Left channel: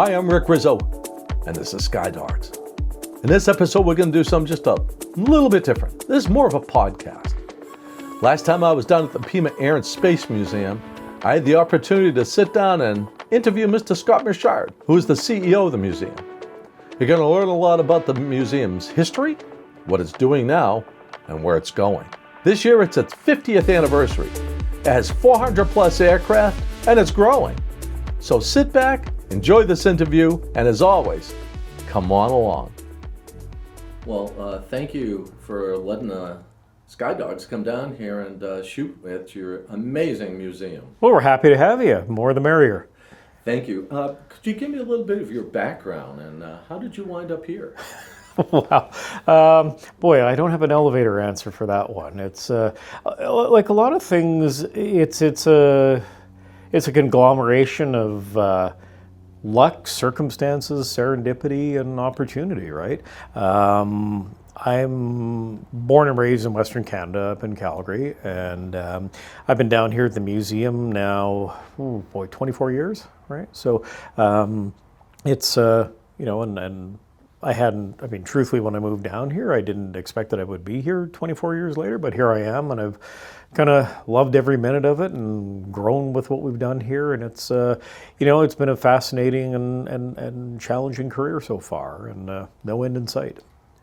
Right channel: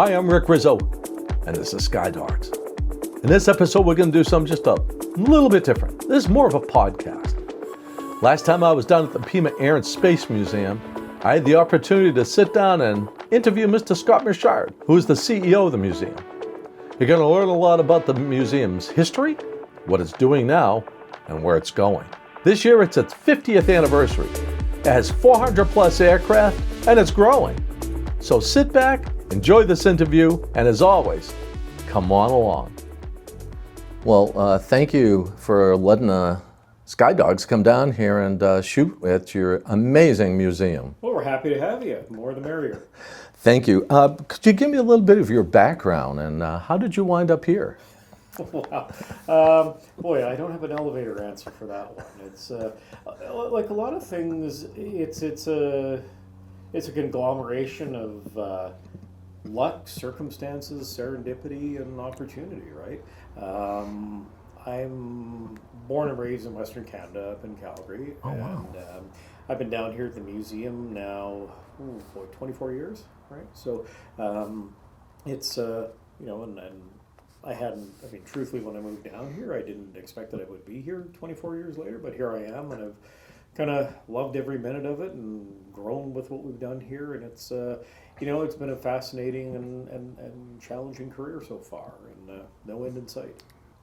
Hi, I'm Rick Rizzo, and this is Sky Dogs. In this episode, we're going to do something just a little bit different. This is more of a podcast. Last time I was down at the Pima Air and Space Museum, I had the opportunity to sit down and interview Mr. Scott Mashard, who is the CEO of the museum. You're going to learn a lot about the museum's history, what it's doing now, and where it's going. This year, it's its 50th anniversary. It has 400 plus aircraft, and it's growing. So sit back, enjoy this interview, and as always, come on along. Well, thank you for letting Sky Dogs come down here and shoot at your amazing museum. Well, we're happy to have you. More the merrier. Thank you. Could you give me a little bit of your background and how did you wind up here? Wow. Boy, I don't have an elevator answer for that one. It's like a lot of things, it's a conglomeration of luck, circumstances, serendipity, and opportunity, right? I'm born and raised in Western Canada, up in Calgary, and I've been down here at the museum now, 24 years, right? So it's, and I mean, truthfully, when I moved down here, I didn't expect that I would be here 24 years later, but here I am, and I've kind of loved every minute of it and grown with what we've done here, and it's, it's been a fascinating and challenging career so far, and no end in sight.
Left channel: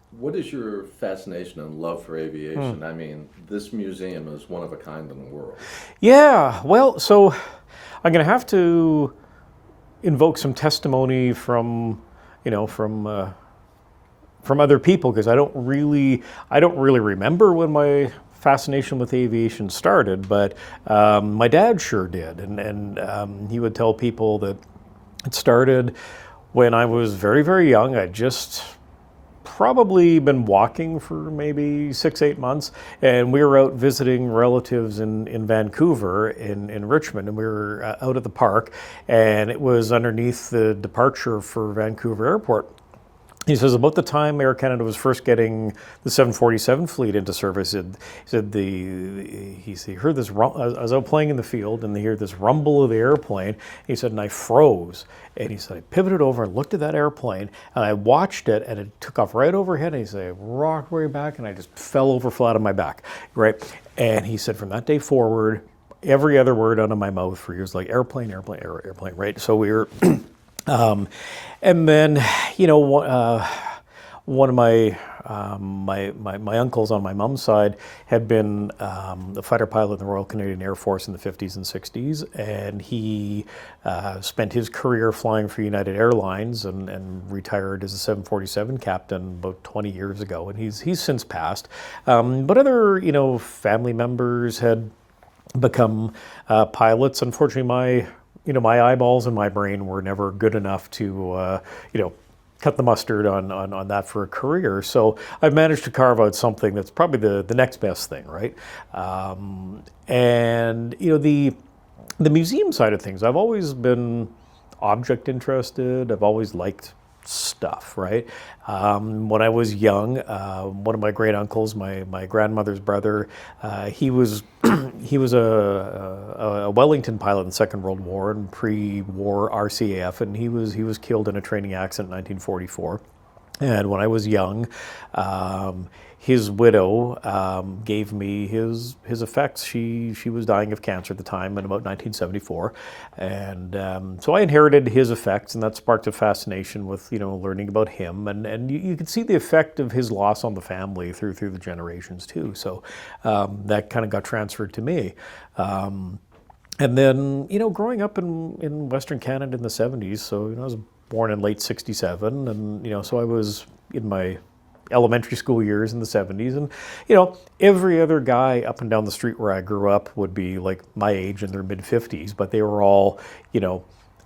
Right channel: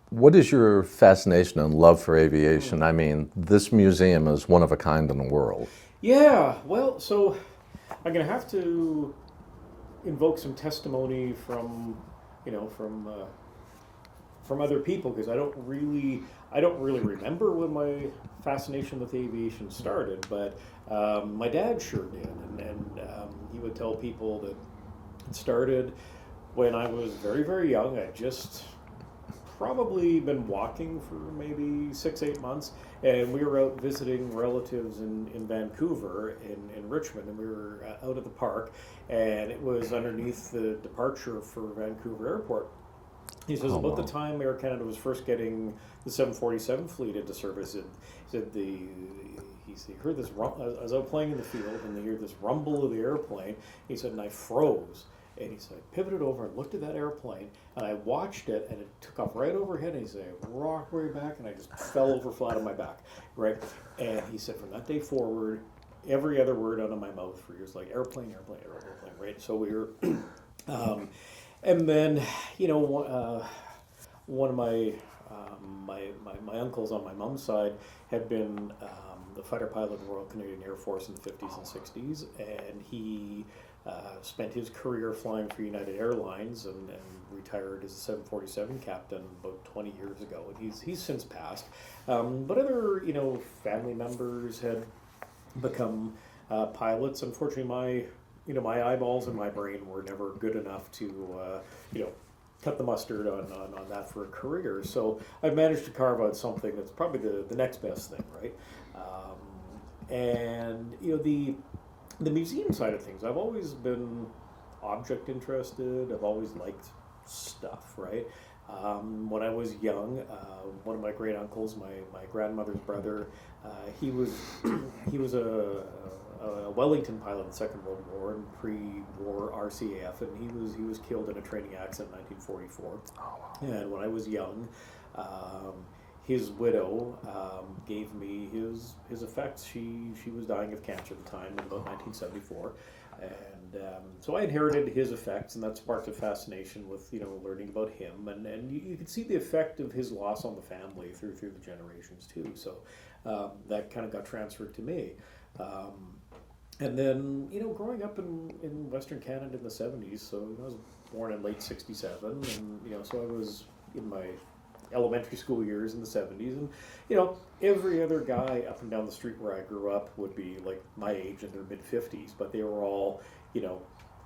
What is your fascination and love for aviation? I mean, this museum is one of a kind in the world. Yeah, well, so I'm going to have to invoke some testimony from other people, because I don't really remember when my fascination with aviation started, but my dad sure did, and he would tell people that it started when I was very, very young. I'd just probably been walking for maybe 6-8 months, and we were out visiting relatives in Vancouver, in Richmond, and we were out at the park, and it was underneath the departure for Vancouver Airport. He says about the time Air Canada was first getting the 747 fleet into service, he said he heard this. I was out playing in the field, and they heard this rumble of the airplane. He said, and I froze. And he said, I pivoted over and looked at that airplane, and I watched it, and it took off right overhead. And he said, rocked way back, and I just fell over flat on my back, right? And he said, from that day forward, every other word out of my mouth for years, like airplane, airplane, airplane, right? So we were. And then, one of my uncles on my mom's side had been a fighter pilot in the Royal Canadian Air Force in the 50s and 60s, and he spent his career flying for United Airlines and retired as a 747 captain about 20 years ago, and he's since passed. But other, family members had become pilots. Unfortunately, my eyeballs and my brain were never good enough to, cut the mustard on that for a career. So I've managed to carve out something that's probably the next best thing, right? And the museum side of things, I've always been object interested. I've always liked stuff, right? When I was young, one of my great uncles, my grandmother's brother, he was a Wellington pilot in the Second World War and pre-war RCAF, and he was killed in a training accident in 1944. And when I was young, his widow gave me his effects. She was dying of cancer at the time in about 1974, and so I inherited his effects, and that sparked a fascination with learning about him, and you could see the effect of his loss on the family through the generations too. So that kind of got transferred to me. And then growing up in Western Canada in the 70s, so I was born in late '67, and so I was in my elementary school years in the 70s, and every other guy up and down the street where I grew up would be like my age in their mid-50s, but they were all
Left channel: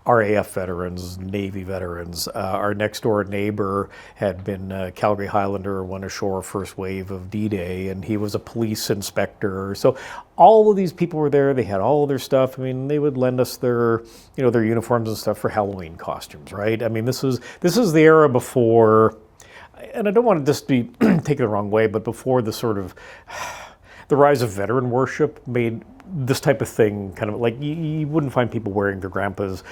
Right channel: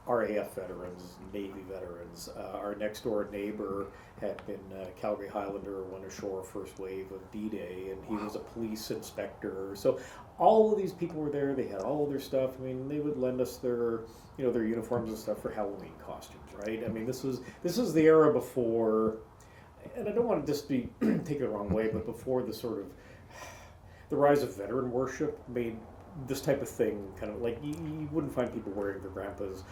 RAF veterans, Navy veterans. Our next door neighbor had been a Calgary Highlander, went ashore first wave of D-Day, and he was a police inspector. So all of these people were there. They had all of their stuff. I mean, they would lend us their their uniforms and stuff for Halloween costumes, right? I mean, this was the era before, and I don't want to just be taken the wrong way, but before the sort of the rise of veteran worship made this type of thing kind of like you wouldn't find people wearing their grandpa's,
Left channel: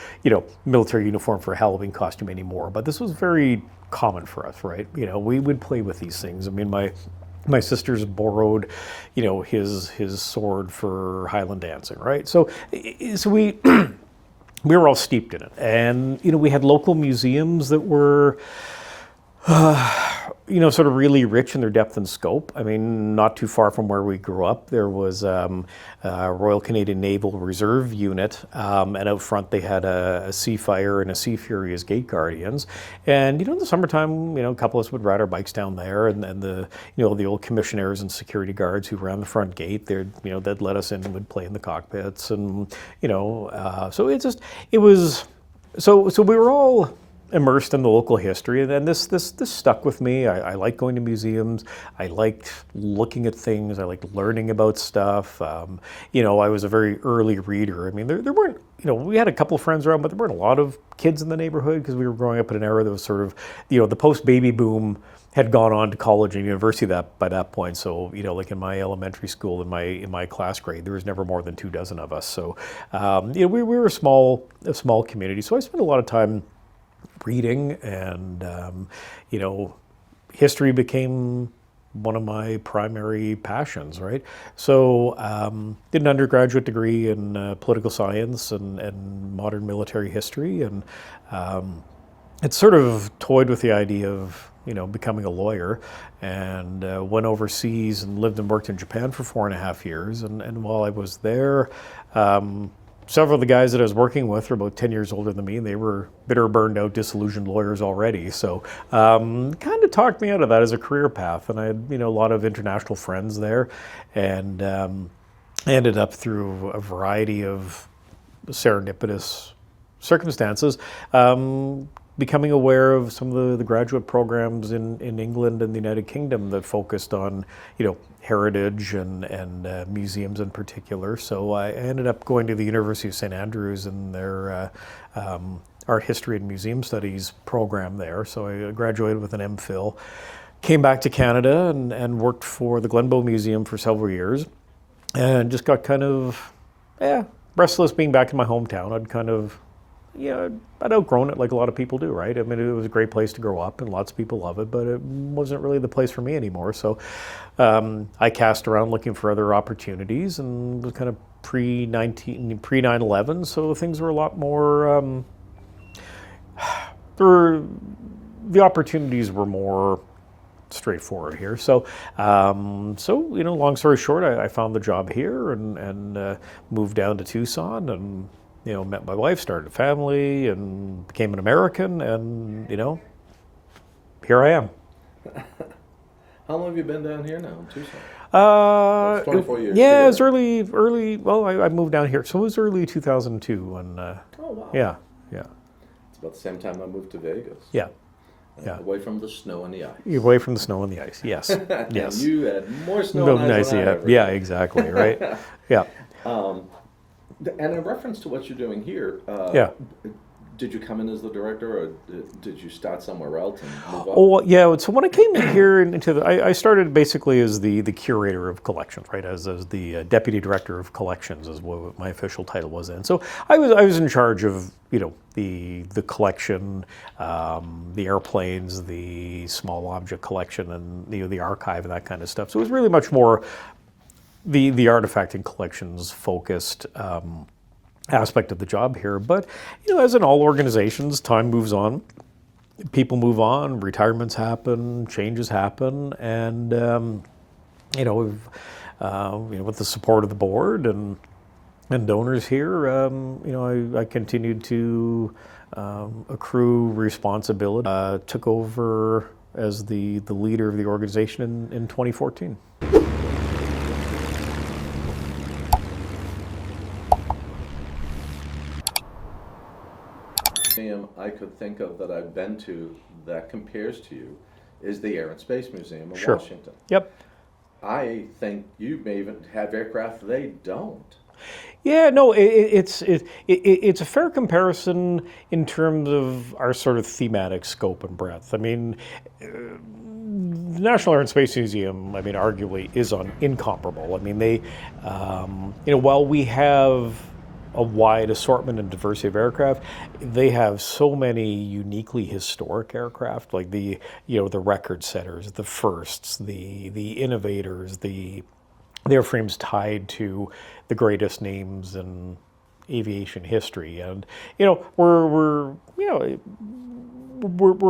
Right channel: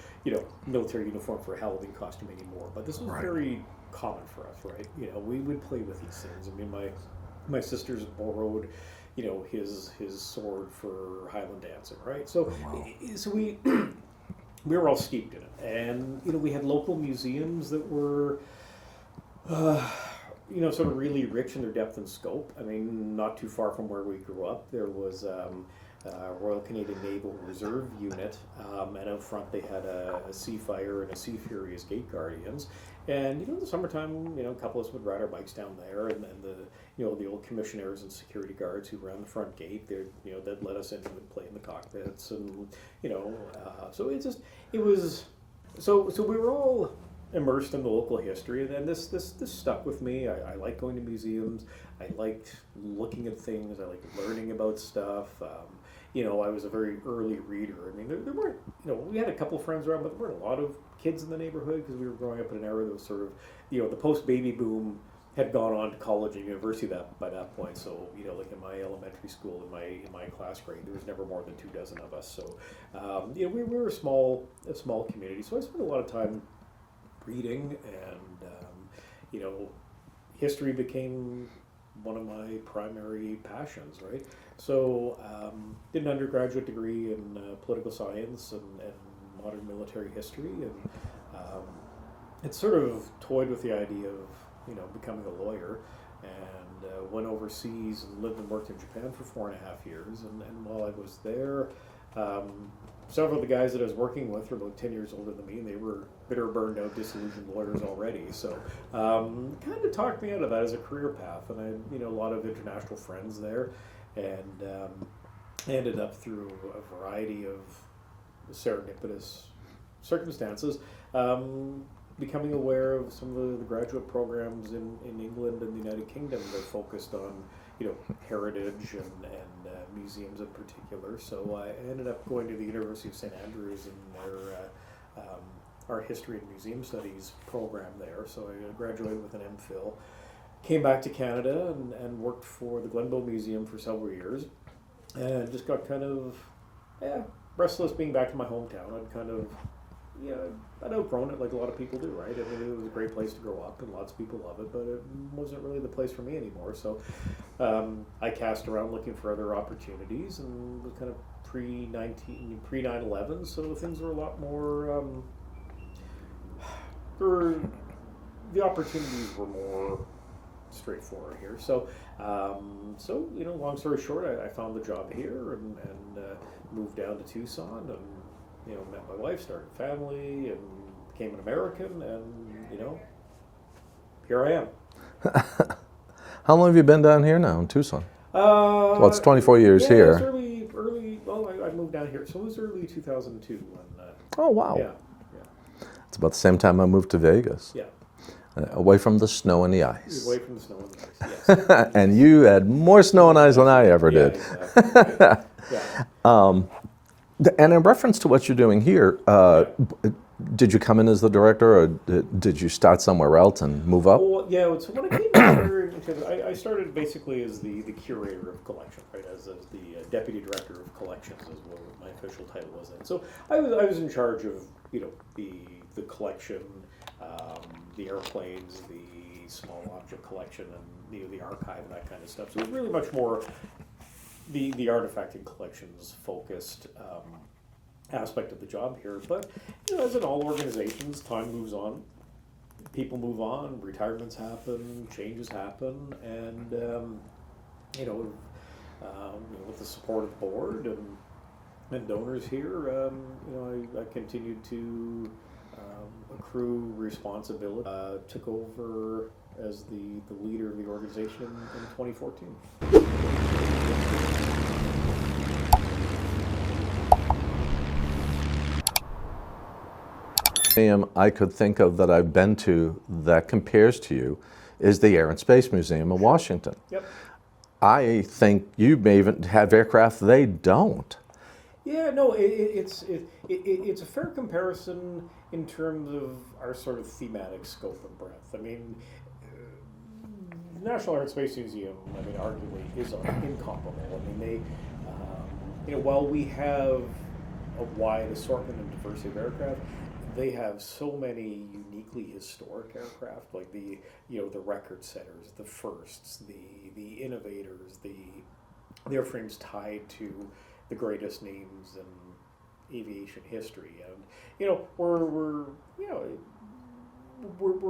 military uniform for a Halloween costume anymore. But this was very common for us, right? We would play with these things. I mean, my sisters borrowed, his sword for Highland dancing, right? So we we were all steeped in it, and we had local museums that were. Sort of really rich in their depth and scope. I mean, not too far from where we grew up, there was Royal Canadian Naval Reserve Unit, and out front they had a Seafire and a Sea Fury as gate guardians. And in the summertime, a couple of us would ride our bikes down there, and the the old commissionaires and security guards who ran the front gate, they'd let us in and would play in the cockpits, and so we were all immersed in the local history, and this stuck with me. I like going to museums. I liked looking at things. I liked learning about stuff. I was a very early reader. I mean, there weren't, we had a couple of friends around, but there weren't a lot of kids in the neighborhood because we were growing up in an era that was sort of, the post-baby boom had gone on to college and university by that point. So, like in my elementary school, in my class grade, there was never more than 24 of us. So, we were a small community. So I spent a lot of time reading, and history became one of my primary passions, right? So did an undergraduate degree in political science and modern military history, and it sort of toyed with the idea of becoming a lawyer, and went overseas and lived and worked in Japan for 4.5 years, and while I was there, several of the guys that I was working with were about 10 years older than me, and they were bitter, burned out, disillusioned lawyers already. So kind of talked me out of that as a career path. And I had, a lot of international friends there, and ended up through a variety of serendipitous circumstances, becoming aware of some of the graduate programs in England and the United Kingdom that focused on, heritage and museums in particular. So I ended up going to the University of St. Andrews and their art history and museum studies program there. So I graduated with an MPhil, came back to Canada and worked for the Glenbow Museum for several years, and just got kind of, restless being back in my hometown. I'd outgrown it like a lot of people do, right? I mean, it was a great place to grow up and lots of people love it, but it wasn't really the place for me anymore. So I cast around looking for other opportunities, and was kind of pre-9/11, so things were a lot more, the opportunities were more straightforward here. So, long story short, I found the job here and moved down to Tucson, and met my wife, started a family, and became an American, and here I am. How long have you been down here now in Tucson? Well, it's 24 years here. Yeah, it was early. Well, I moved down here, so it was early 2002. And oh wow. Yeah. It's about the same time I moved to Vegas. Yeah. Away from the snow and the ice. Away from the snow and the ice. Yes. And yes. you had more snow and ice than I ever did. Yeah, exactly. Right. Yeah. And in reference to what you're doing here, did you come in as the director, or did you start somewhere else and move up? Oh, yeah. So when I came in here, I started basically as the curator of collections, right? As the deputy director of collections is what my official title was in. So I was in charge of the collection, the airplanes, the small object collection, and the archive and that kind of stuff. So it was really much more the artifact and collections focused aspect of the job here. But as in all organizations, time moves on, people move on, retirements happen, changes happen, and with the support of the board and donors here, I continued to accrue responsibility. Took over as the leader of the organization in 2014. I could think of that I've been to that compares to you is the Air and Space Museum in Washington. Yep. I think you may even have aircraft they don't. Yeah, no, it's a fair comparison in terms of our sort of thematic scope and breadth. I mean, the National Air and Space Museum, I mean, arguably is incomparable. I mean, they, while we have a wide assortment and diversity of aircraft, they have so many uniquely historic aircraft, like the record setters, the firsts, the innovators, the airframes tied to the greatest names in aviation history, and we're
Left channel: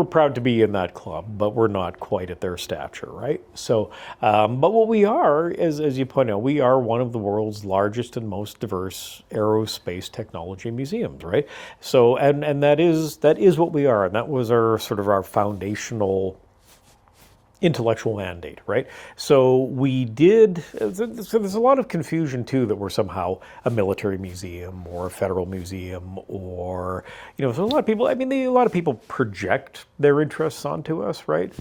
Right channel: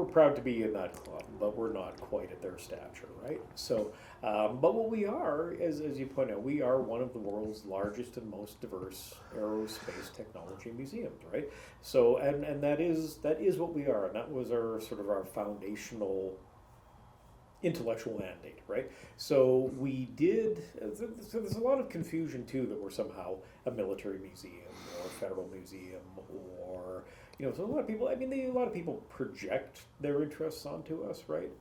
proud to be in that club, but we're not quite at their stature, right? So, but what we are, as you point out, we are one of the world's largest and most diverse aerospace technology museums, right? So, and that is what we are, and that was our sort of our foundational intellectual mandate, right? So we did, so there's a lot of confusion too that we're somehow a military museum or a federal museum, or, so a lot of people, a lot of people project their interests onto us, right?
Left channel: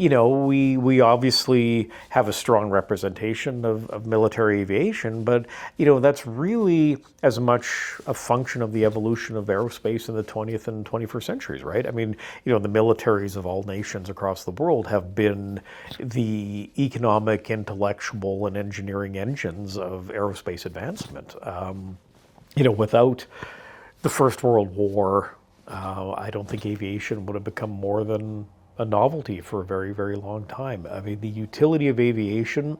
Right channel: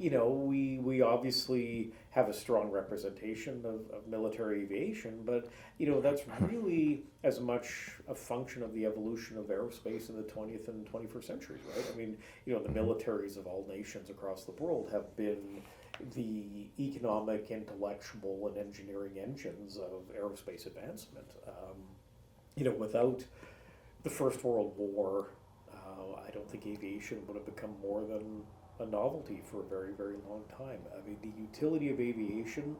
We obviously have a strong representation of military aviation, but, that's really as much a function of the evolution of aerospace in the 20th and 21st centuries, right? The militaries of all nations across the world have been the economic, intellectual, and engineering engines of aerospace advancement. Without the First World War, I don't think aviation would have become more than a novelty for a very, very long time. The utility of aviation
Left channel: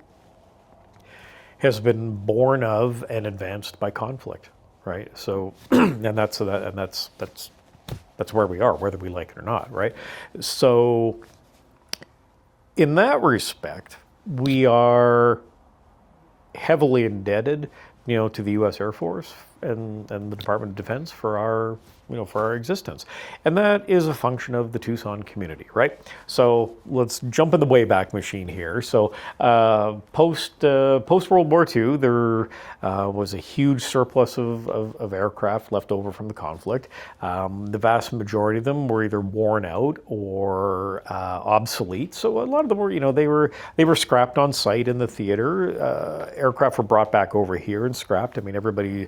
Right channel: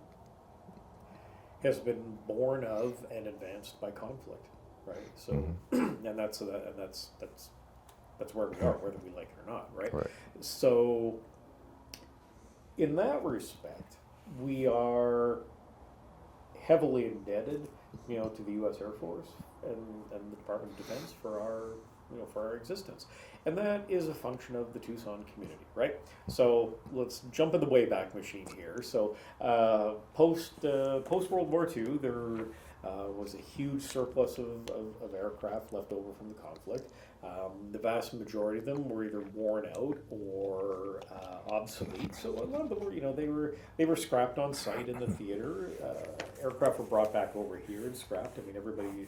has been born of and advanced by conflict, right? So, and that's where we are, whether we like it or not, right? So, in that respect, we are heavily indebted, to the U.S. Air Force and the Department of Defense for our existence. And that is a function of the Tucson community, right? So let's jump in the Wayback Machine here. So post World War II, there was a huge surplus of aircraft left over from the conflict. The vast majority of them were either worn out or obsolete. So a lot of them were, they were scrapped on site in the theater. Aircraft were brought back over here and scrapped. Everybody,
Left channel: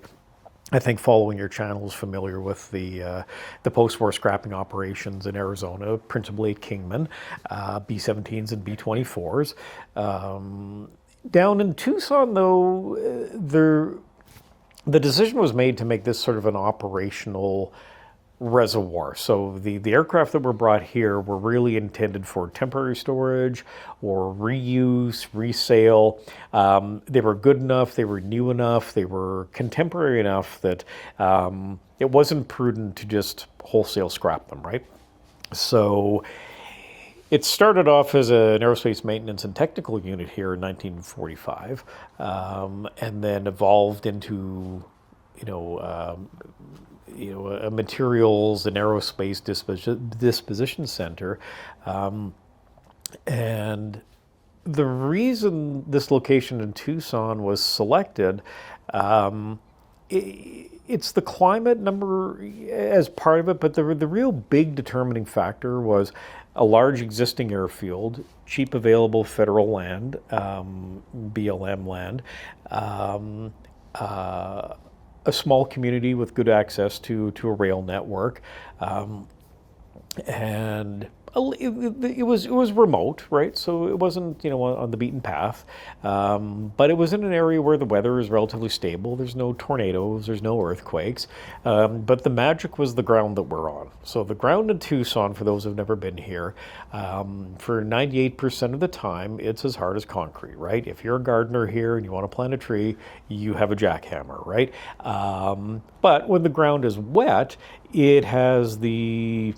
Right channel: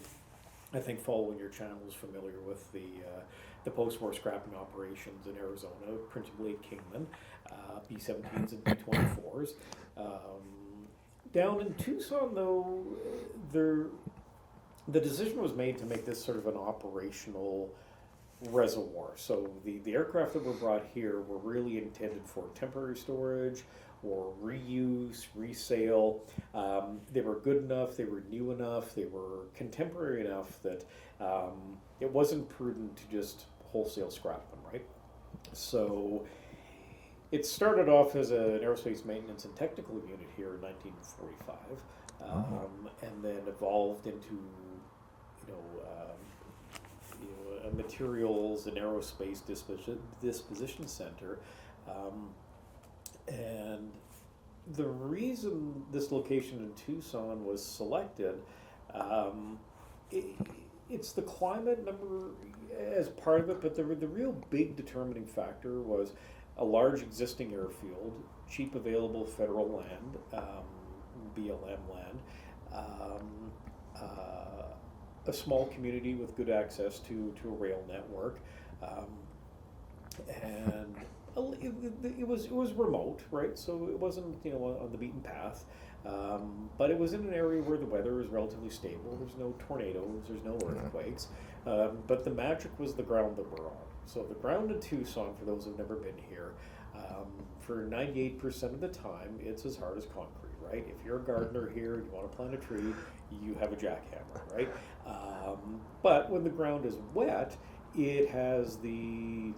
I think, following your channel is familiar with the post-war scrapping operations in Arizona, principally at Kingman, B-17s and B-24s. Down in Tucson, though, the decision was made to make this sort of an operational reservoir. So the aircraft that were brought here were really intended for temporary storage or reuse, resale. They were good enough, they were new enough, they were contemporary enough that it wasn't prudent to just wholesale scrap them, right? So it started off as an aerospace maintenance and technical unit here in 1945, and then evolved into, a materials and aerospace disposition center. And the reason this location in Tucson was selected, it's the climate number as part of it, but the real big determining factor was a large existing airfield, cheap available federal land, BLM land, a small community with good access to a rail network, and it was remote, right? So it wasn't on the beaten path, but it was in an area where the weather is relatively stable. There's no tornadoes, there's no earthquakes, but the magic was the ground that we're on. So the ground in Tucson, for those who've never been here, for 98% of the time, it's as hard as concrete, right? If you're a gardener here and you want to plant a tree, you have a jackhammer, right? But when the ground is wet, it has the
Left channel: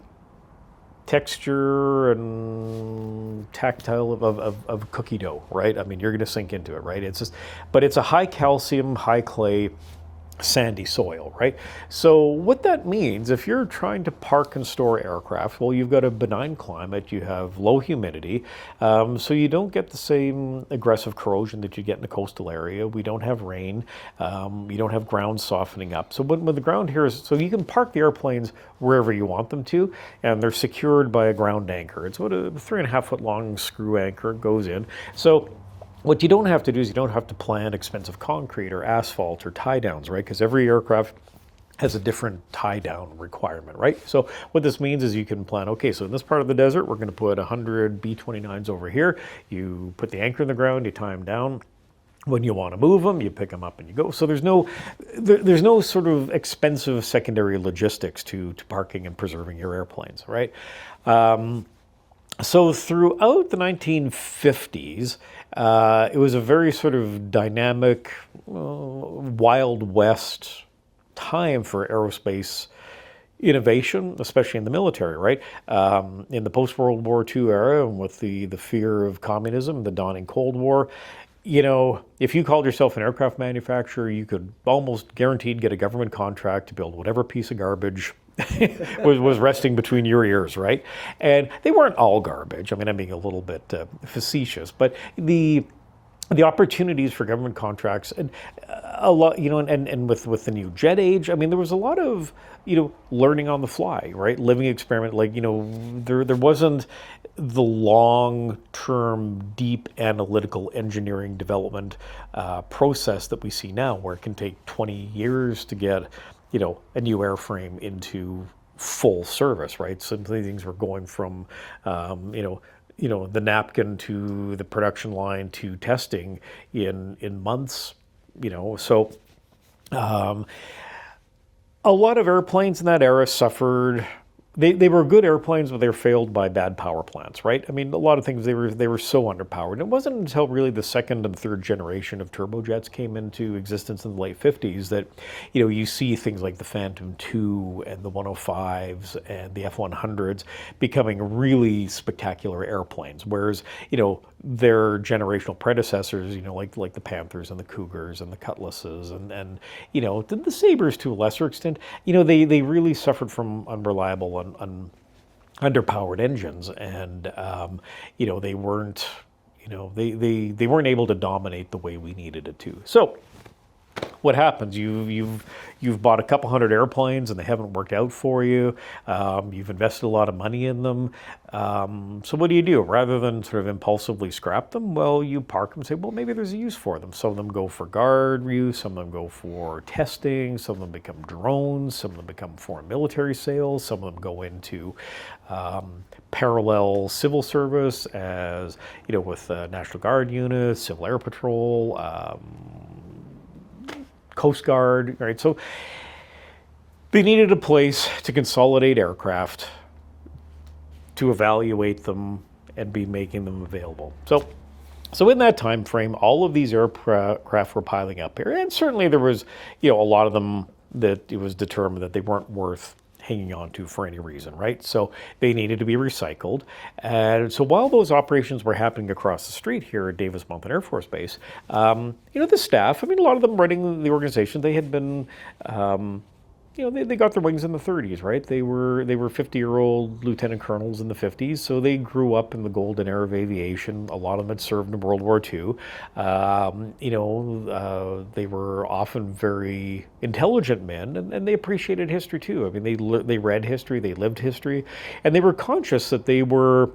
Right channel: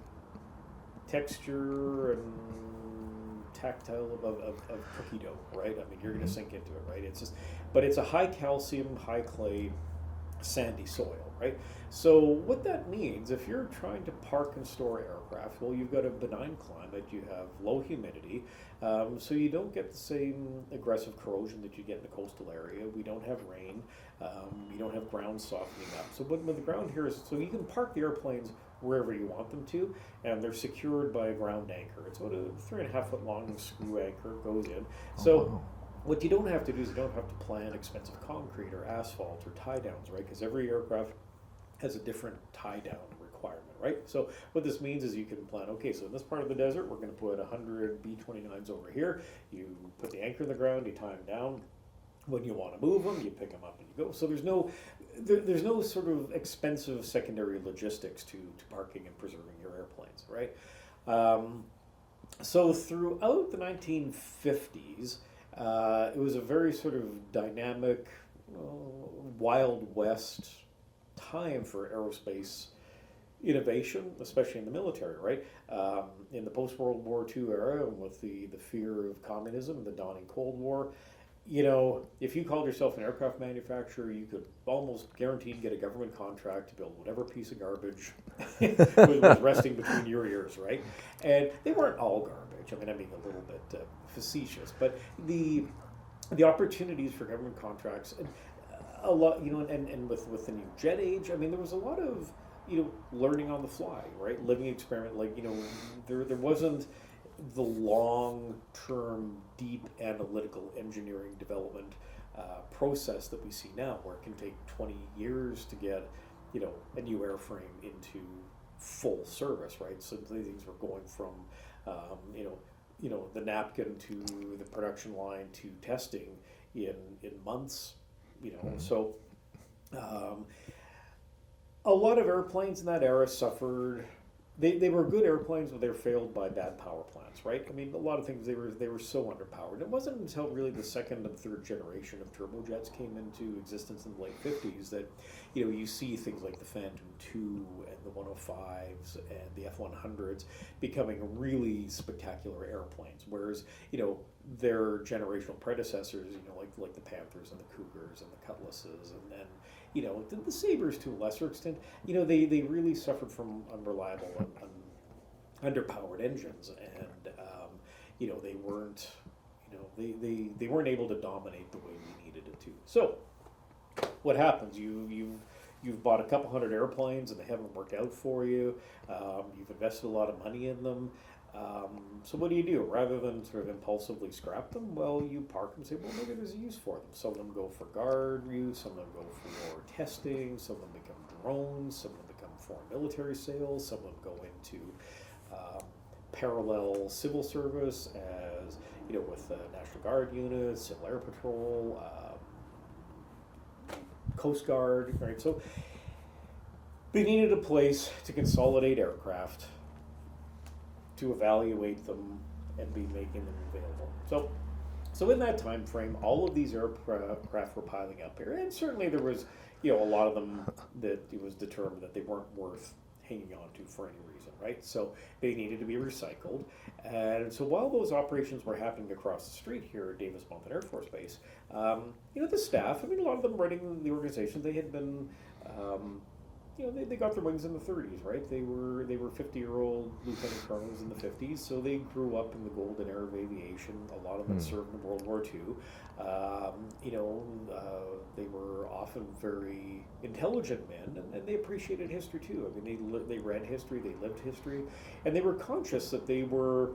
texture and tactile of cookie dough, right? You're going to sink into it, right? But it's a high calcium, high clay, sandy soil, right? So what that means, if you're trying to park and store aircraft, well, you've got a benign climate, you have low humidity, so you don't get the same aggressive corrosion that you get in the coastal area. We don't have rain, you don't have ground softening up. So when the ground here is, so you can park the airplanes wherever you want them to, and they're secured by a ground anchor. It's about a 3.5 foot long screw anchor, it goes in. So what you don't have to do is you don't have to plant expensive concrete or asphalt or tie downs, right? Because every aircraft has a different tie-down requirement, right? So what this means is you can plan, okay, so in this part of the desert, we're going to put 100 B-29s over here. You put the anchor in the ground, you tie them down. When you want to move them, you pick them up and you go. So there's no sort of expensive secondary logistics to parking and preserving your airplanes, right? So throughout the 1950s, it was a very sort of dynamic, Wild West time for aerospace innovation, especially in the military, right? In the post-World War II era, and with the fear of communism, the dawning Cold War, if you called yourself an aircraft manufacturer, you could almost guaranteed get a government contract to build whatever piece of garbage was resting between your ears, right? And they weren't all garbage. I mean, I'm being a little bit facetious, but the opportunities for government contracts and a lot, and with the new jet age, I mean, there was a lot of, learning on the fly, right? Living experiment, there wasn't the long-term, deep analytical engineering development process that we see now, where it can take 20 years to get, a new airframe into full service, right? Some of these things were going from, the napkin to the production line to testing in months, So a lot of airplanes in that era suffered. They were good airplanes, but they were failed by bad power plants, right? I mean, a lot of things, they were so underpowered. And it wasn't until really the second and third generation of turbojets came into existence in the late 50s that, you see things like the Phantom II and the 105s and the F-100s becoming really spectacular airplanes, whereas, their generational predecessors, like the Panthers and the Cougars and the Cutlasses and the Sabres to a lesser extent, they really suffered from unreliable and underpowered engines, and they weren't they weren't able to dominate the way we needed it to. So what happens? You've bought a couple hundred airplanes and they haven't worked out for you. You've invested a lot of money in them. So what do? Rather than sort of impulsively scrap them, well, you park them and say, well, maybe there's a use for them. Some of them go for guard use, some of them go for testing, some of them become drones, some of them become foreign military sales, some of them go into parallel civil service, as with National Guard units, Civil Air Patrol, Coast Guard, right? So they needed a place to consolidate aircraft, to evaluate them, and be making them available. So in that time frame, all of these aircraft were piling up here, and certainly there was, a lot of them that it was determined that they weren't worth hanging on to for any reason, right? So they needed to be recycled. And so while those operations were happening across the street here at Davis Mountain Air Force Base, the staff, a lot of them running the organization, they had been, they got their wings in the 30s, right? They were 50-year-old lieutenant colonels in the 50s, so they grew up in the golden era of aviation. A lot of them had served in World War II. They were often very intelligent men, and they appreciated history too. They read history, they lived history, and they were conscious that they were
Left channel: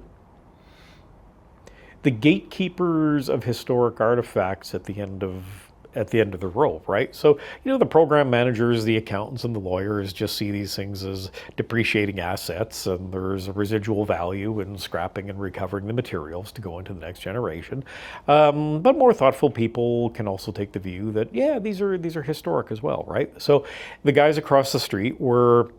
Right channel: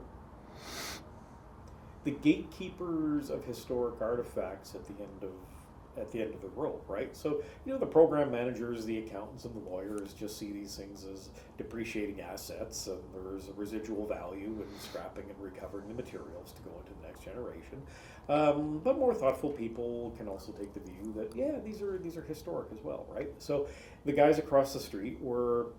the gatekeepers of historic artifacts at the end of the rope, right? So, the program managers, the accountants, and the lawyers just see these things as depreciating assets, and there's a residual value in scrapping and recovering the materials to go into the next generation. But more thoughtful people can also take the view that, yeah, these are historic as well, right? So the guys across the street were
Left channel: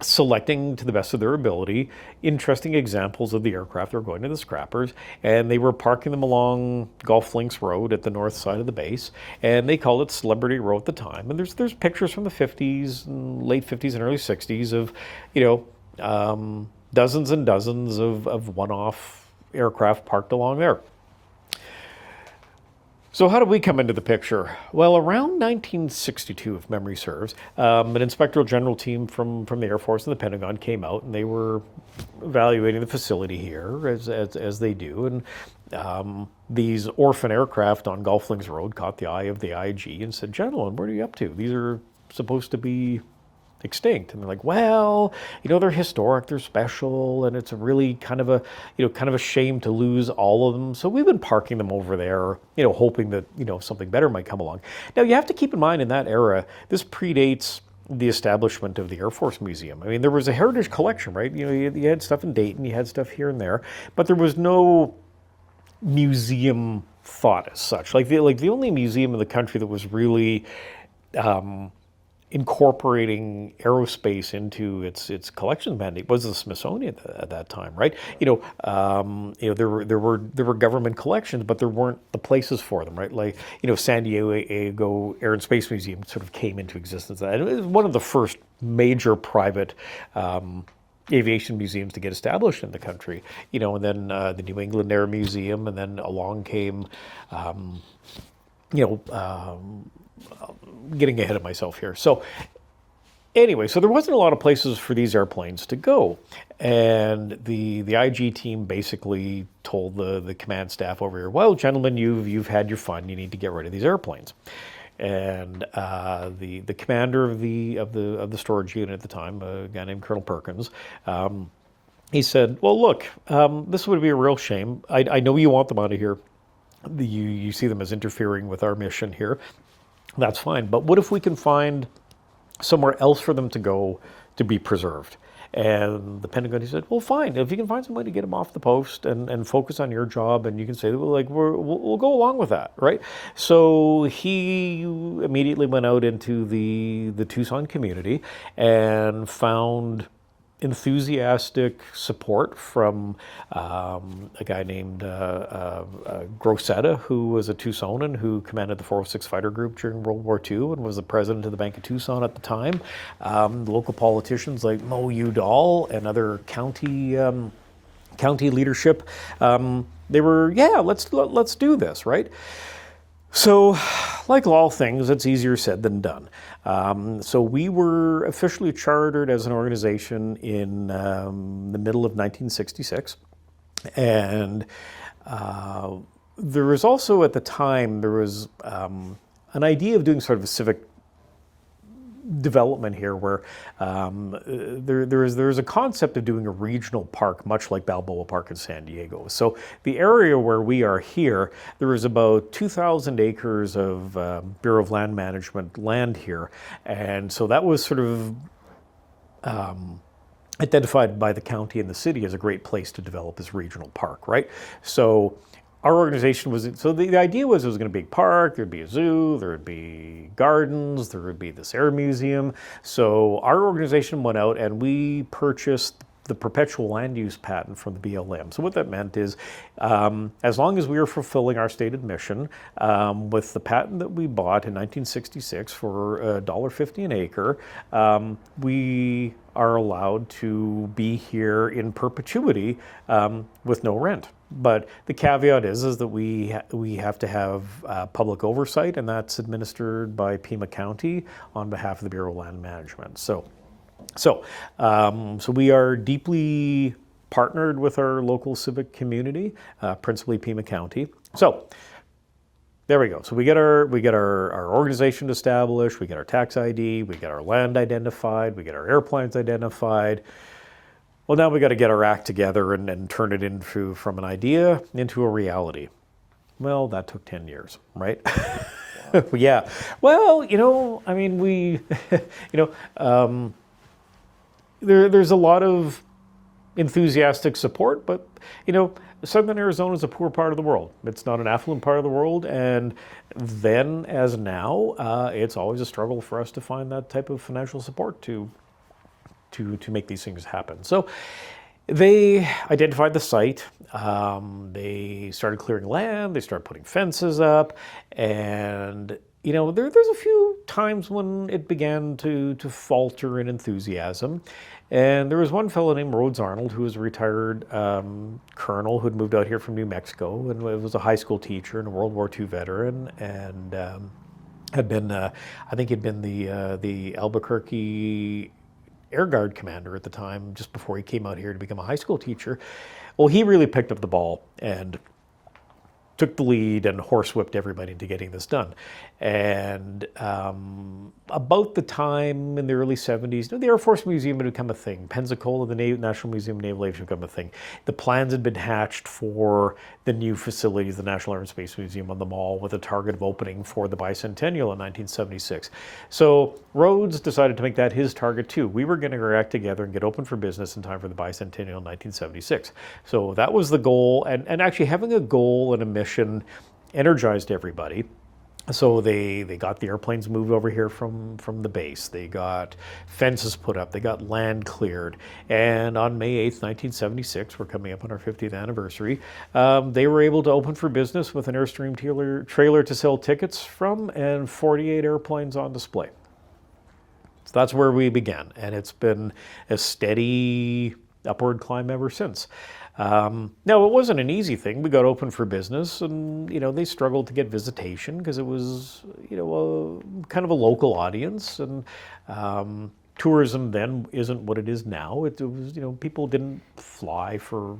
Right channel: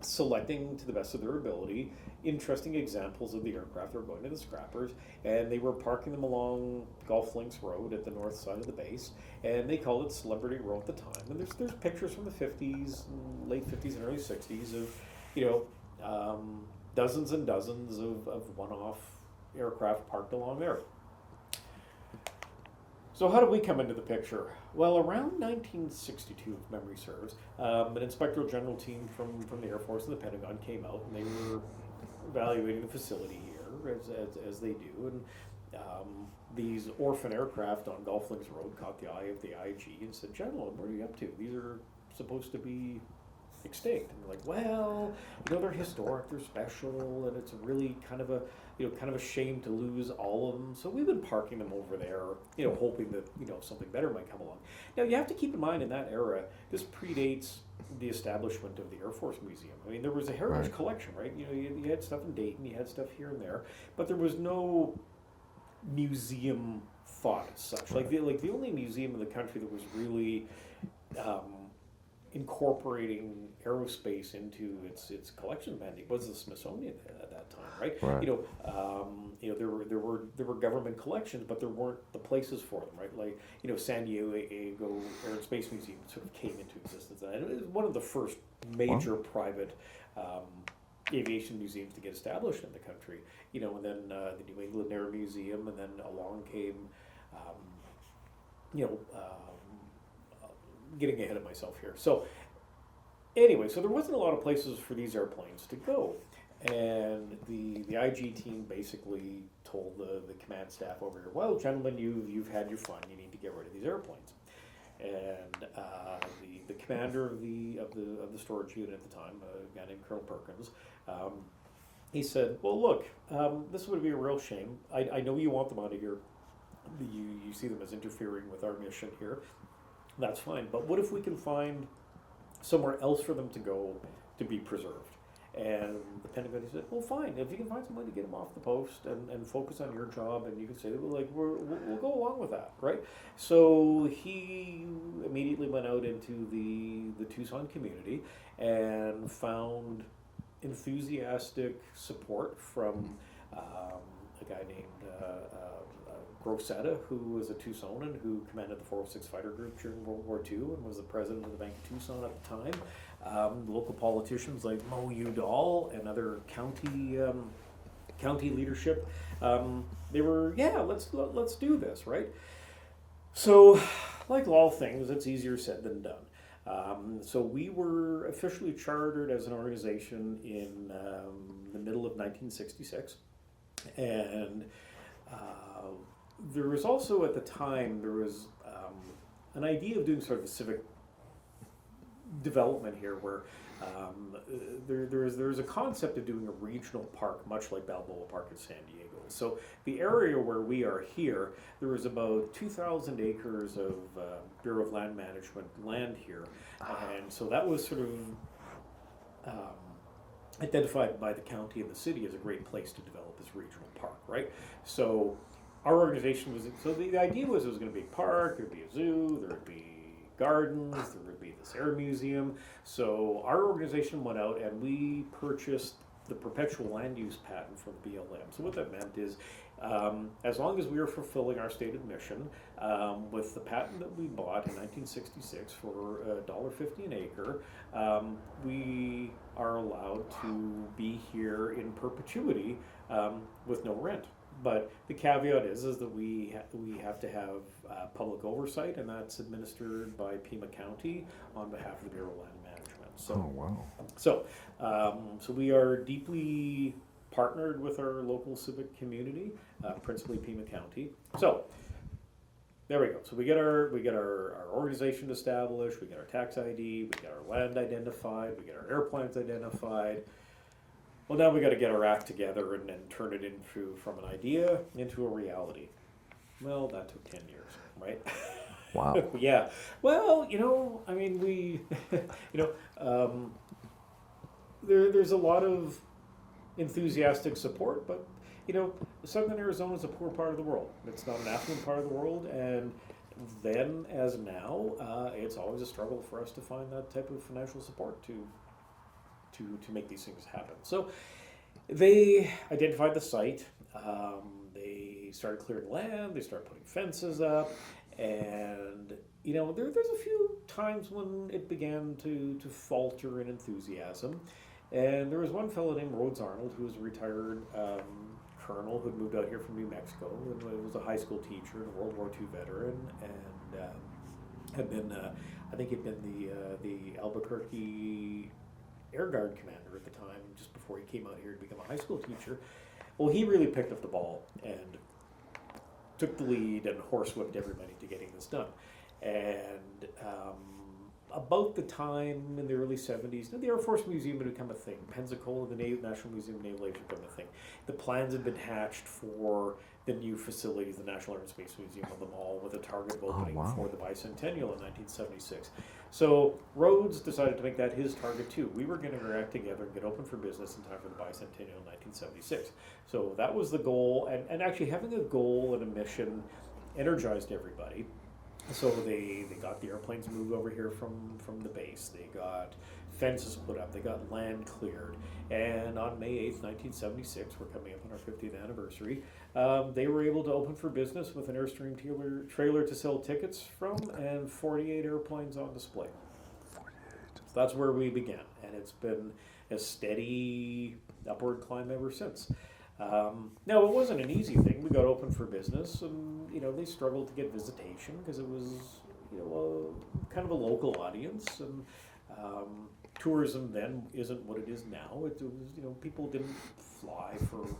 selecting to the best of their ability interesting examples of the aircraft that were going to the scrappers, and they were parking them along Golf Links Road at the north side of the base, and they called it Celebrity Row at the time. And there's pictures from the 50s, late 50s and early 60s of dozens and dozens of one-off aircraft parked along there. So how did we come into the picture? Well, around 1962, if memory serves, an inspector general team from the Air Force and the Pentagon came out, and they were evaluating the facility here, as they do. And these orphan aircraft on Golf Links Road caught the eye of the IG and said, "Gentlemen, what are you up to? These are supposed to be extinct." And they're like, "Well, they're historic, they're special, and it's a really kind of a shame to lose all of them. So we've been parking them over there, hoping that, something better might come along." Now, you have to keep in mind, in that era, this predates the establishment of the Air Force Museum. I mean, there was a heritage collection, right? You know, you had stuff in Dayton, you had stuff here and there, but there was no museum thought as such. Like the only museum in the country that was really incorporating aerospace into its collections mandate was the Smithsonian at that time, right? You know, there were government collections, but there weren't the places for them, right? Like, you know, San Diego Air and Space Museum sort of came into existence, and it was one of the first major private aviation museums to get established in the country. You know, and then the New England Air Museum, and then along came, getting ahead of myself here. So anyway, so there wasn't a lot of places for these airplanes to go. And the IG team basically told the command staff over here, well, gentlemen, you've had your fun. You need to get rid of these airplanes. And the commander of the storage unit at the time, a guy named Colonel Perkins, he said, well, look, this would be a real shame. I know you want them out of here. You see them as interfering with our mission here. That's fine. But what if we can find somewhere else for them to go to be preserved? And the Pentagon, he said, well, fine. If you can find some way to get them off the post and focus on your job, and you can say, well, like, we'll go along with that, right? So he immediately went out into the Tucson community and found enthusiastic support from a guy named Grosetta, who was a Tucsonan who commanded the 406 Fighter Group during World War II and was the president of the Bank of Tucson at the time. Local politicians like Mo Udall and other county leadership, they were, yeah, let's do this, right? So, like all things, it's easier said than done. So we were officially chartered as an organization in the middle of 1966. And there was also, at the time, there was an idea of doing sort of a civic development here where there is a concept of doing a regional park, much like Balboa Park in San Diego. So the area where we are here, there is about 2,000 acres of Bureau of Land Management land here. And so that was sort of identified by the county and the city as a great place to develop this regional park, right? So our organization was, so the idea was it was going to be a park, there'd be a zoo, there would be gardens, there would be this air museum. So our organization went out and we purchased the perpetual land use patent from the BLM. So what that meant is, as long as we were fulfilling our stated mission, with the patent that we bought in 1966 for $1.50 an acre, we are allowed to be here in perpetuity with no rent. But the caveat is that we have to have public oversight, and that's administered by Pima County on behalf of the Bureau of Land Management. So, so we are deeply partnered with our local civic community, principally Pima County. So there we go. So we get our organization established, we get our tax ID, we get our land identified, we get our airplanes identified. Well, now we got to get our act together and turn it into, from an idea into a reality. Well, that took 10 years, right? Wow. Yeah. Well, you know, I mean, there's a lot of enthusiastic support, but, you know, Southern Arizona is a poor part of the world. It's not an affluent part of the world, and then as now, it's always a struggle for us to find that type of financial support to make these things happen. So they identified the site, they started clearing land, they started putting fences up, and you know, there's a few times when it began to falter in enthusiasm. And there was one fellow named Rhodes Arnold, who was a retired colonel who had moved out here from New Mexico and was a high school teacher and a World War II veteran, and had been, I think he'd been the Albuquerque Air Guard commander at the time, just before he came out here to become a high school teacher. Well, he really picked up the ball and took the lead and horsewhipped everybody into getting this done. And about the time in the early 70s, the Air Force Museum had become a thing. Pensacola, the National Museum of Naval Aviation, had become a thing. The plans had been hatched for the new facilities, the National Air and Space Museum on the Mall, with a target of opening for the bicentennial in 1976. So Rhodes decided to make that his target too. We were going to act together and get open for business in time for the bicentennial in 1976. So that was the goal, and actually having a goal and a mission energized everybody. So they got the airplanes moved over here from the base. They got fences put up. They got land cleared. And on May 8th, 1976, we're coming up on our 50th anniversary, they were able to open for business with an Airstream trailer to sell tickets from and 48 airplanes on display. So that's where we began. And it's been a steady upward climb ever since. Now, it wasn't an easy thing. We got open for business, and they struggled to get visitation because it was kind of a local audience, and tourism then isn't what it is now. It was people didn't fly for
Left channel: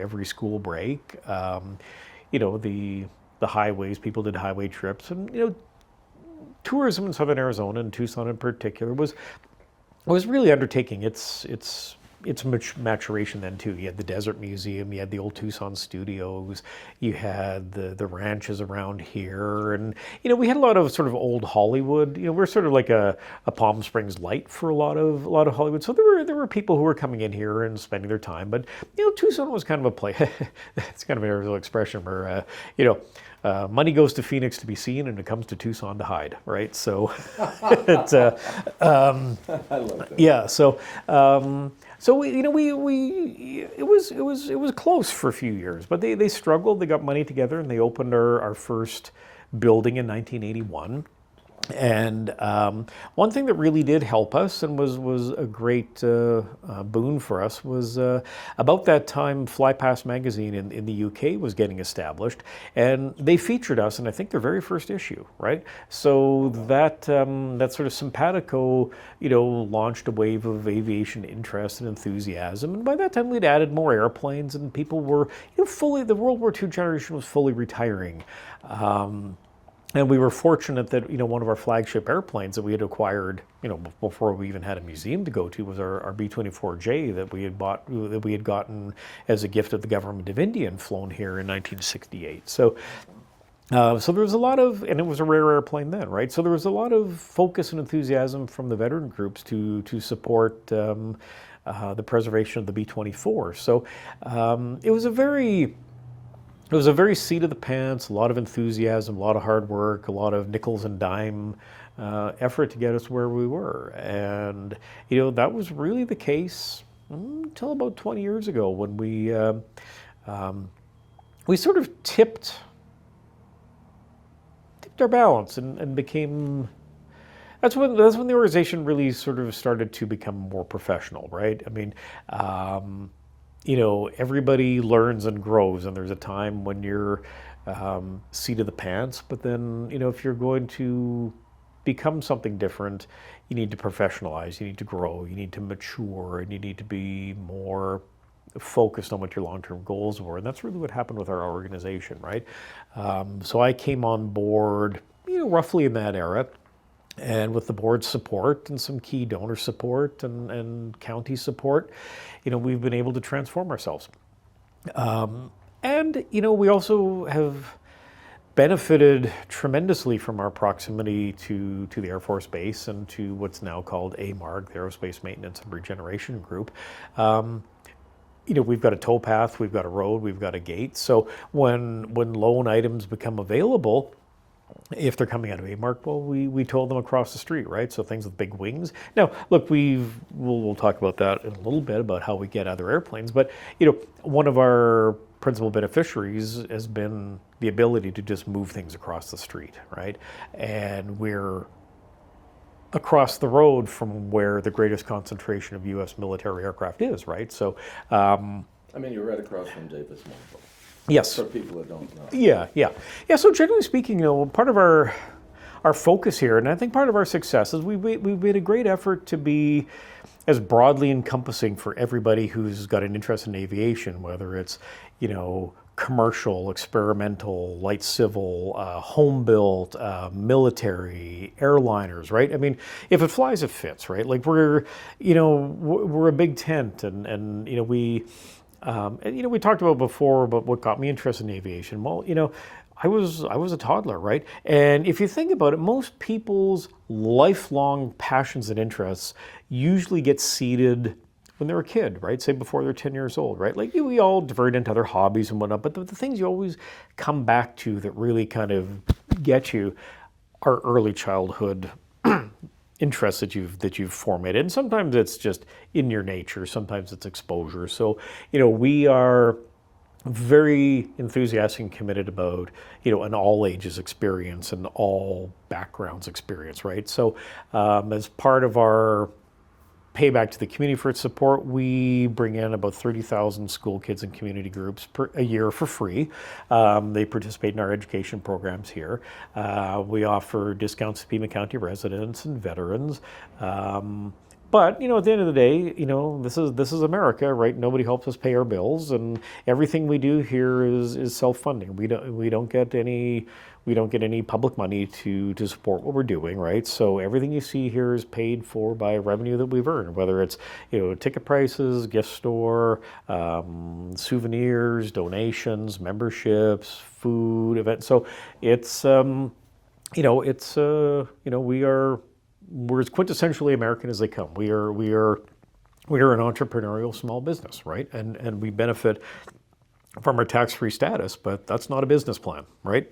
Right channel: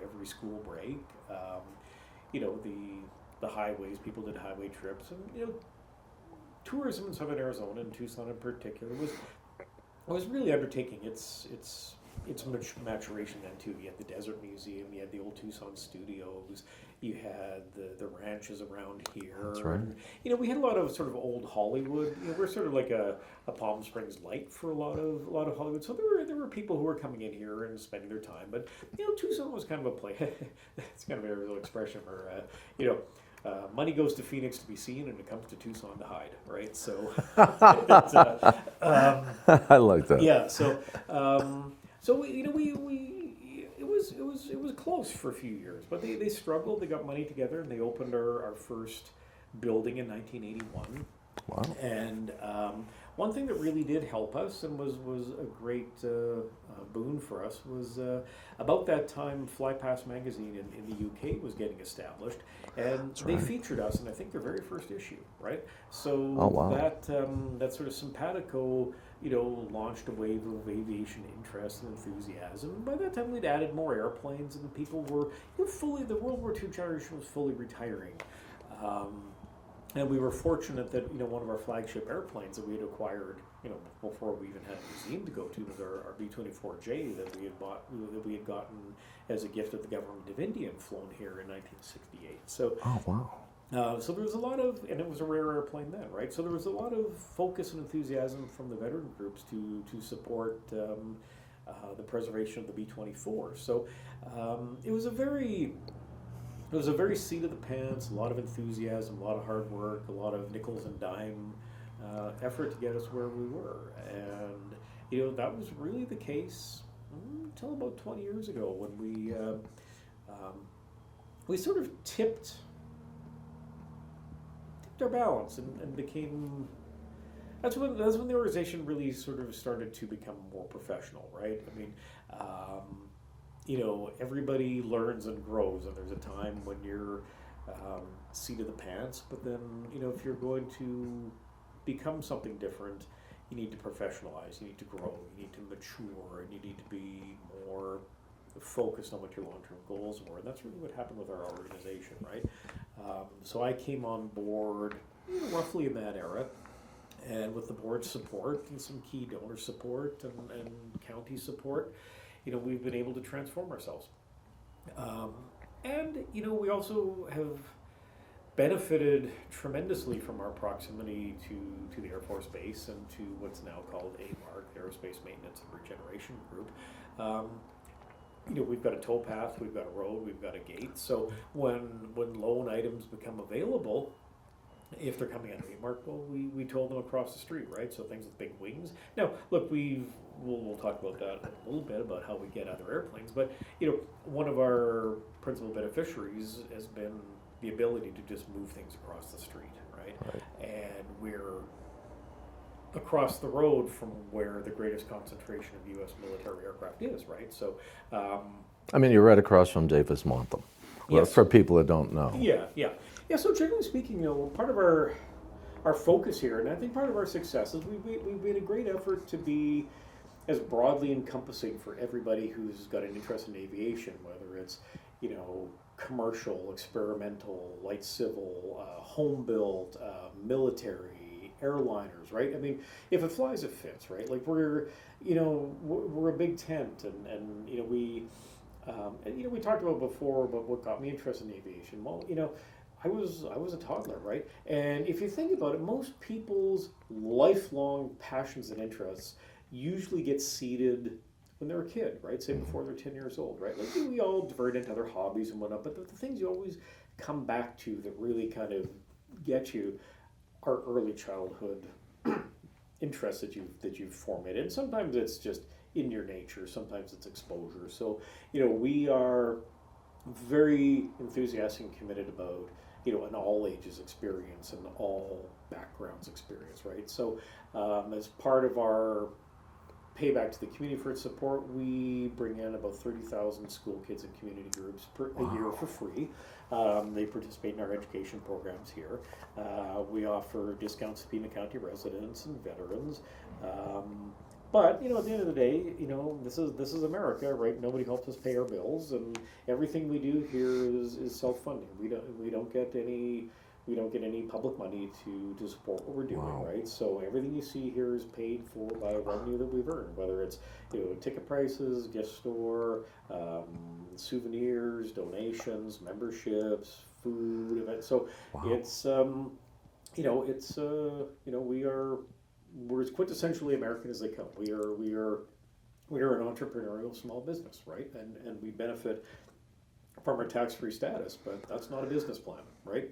every school break. The highways, people did highway trips, and tourism in Southern Arizona and Tucson in particular was really undertaking its maturation then too. You had the Desert Museum, you had the old Tucson studios, you had the ranches around here, and we had a lot of sort of old Hollywood. We're sort of like a Palm Springs light for a lot of Hollywood. So there were people who were coming in here and spending their time, but Tucson was kind of a place. It's kind of an Arizona expression where money goes to Phoenix to be seen, and it comes to Tucson to hide, right? So it's, I like that. yeah. So it was close for a few years, but they struggled. They got money together, and they opened our first building in 1981. Wow. And one thing that really did help us and was a great boon for us was about that time Fly Past magazine in the UK was getting established, and they featured us in I think their very first issue, right? So that sort of simpatico, launched a wave of aviation interest and enthusiasm, and by that time we'd added more airplanes, and people were the World War II generation was fully retiring. And we were fortunate that one of our flagship airplanes that we had acquired before we even had a museum to go to was our B-24J that we had gotten as a gift of the government of India and flown here in 1968. So. So there was a lot of, and it was a rare airplane then, right? So there was a lot of focus and enthusiasm from the veteran groups to support the preservation of the B-24. So it was a very seat of the pants, a lot of enthusiasm, a lot of hard work, a lot of nickels and dime effort to get us where we were. And, that was really the case until about 20 years ago when we sort of tipped our balance and became, that's when the organization really sort of started to become more professional, right? I mean, everybody learns and grows, and there's a time when you're seat of the pants, but then, if you're going to become something different, you need to professionalize, you need to grow, you need to mature, and you need to be more focused on what your long-term goals were. And that's really what happened with our organization, right? So I came on board, roughly in that era, and with the board's support and some key donor support and county support, we've been able to transform ourselves. And we also have benefited tremendously from our proximity to the Air Force Base and to what's now called AMARG, the Aerospace Maintenance and Regeneration Group. We've got a towpath, we've got a road, we've got a gate. So when loan items become available, if they're coming out of AMARC, well, we tow them across the street, right? So things with big wings. Now, look, we'll talk about that in a little bit about how we get other airplanes, but one of our principal beneficiaries has been the ability to just move things across the street, right? And we're across the road from where the greatest concentration of U.S. military aircraft is, right? So, you're right across from Davis Monthan. Yes. For people that don't know. Yeah. So generally speaking, part of our focus here, and I think part of our success is we've made a great effort to be as broadly encompassing for everybody who's got an interest in aviation, whether it's commercial, experimental, light civil, home built, military, airliners, right? I mean, if it flies, it fits, right? Like we're a big tent, and we talked about before about what got me interested in aviation. Well, I was a toddler, right? And if you think about it, most people's lifelong passions and interests usually get seeded when they're a kid, right? Say before they're 10 years old, right? Like we all divert into other hobbies and whatnot, but the things you always come back to that really kind of get you are early childhood interests that you've formated. And sometimes it's just in your nature, sometimes it's exposure. So, we are very enthusiastic and committed about, an all ages experience and all backgrounds experience, right? So as part of our payback to the community for its support, we bring in about 30,000 school kids and community groups a year for free. They participate in our education programs here. We offer discounts to Pima County residents and veterans. But at the end of the day, this is America, right? Nobody helps us pay our bills, and everything we do here is self-funding. We don't get any public money to support what we're doing, right? So everything you see here is paid for by revenue that we've earned, whether it's ticket prices, gift store, souvenirs, donations, memberships, food, events. So it's we're as quintessentially American as they come. We are an entrepreneurial small business, right? And we benefit from our tax-free status, but that's not a business plan, right?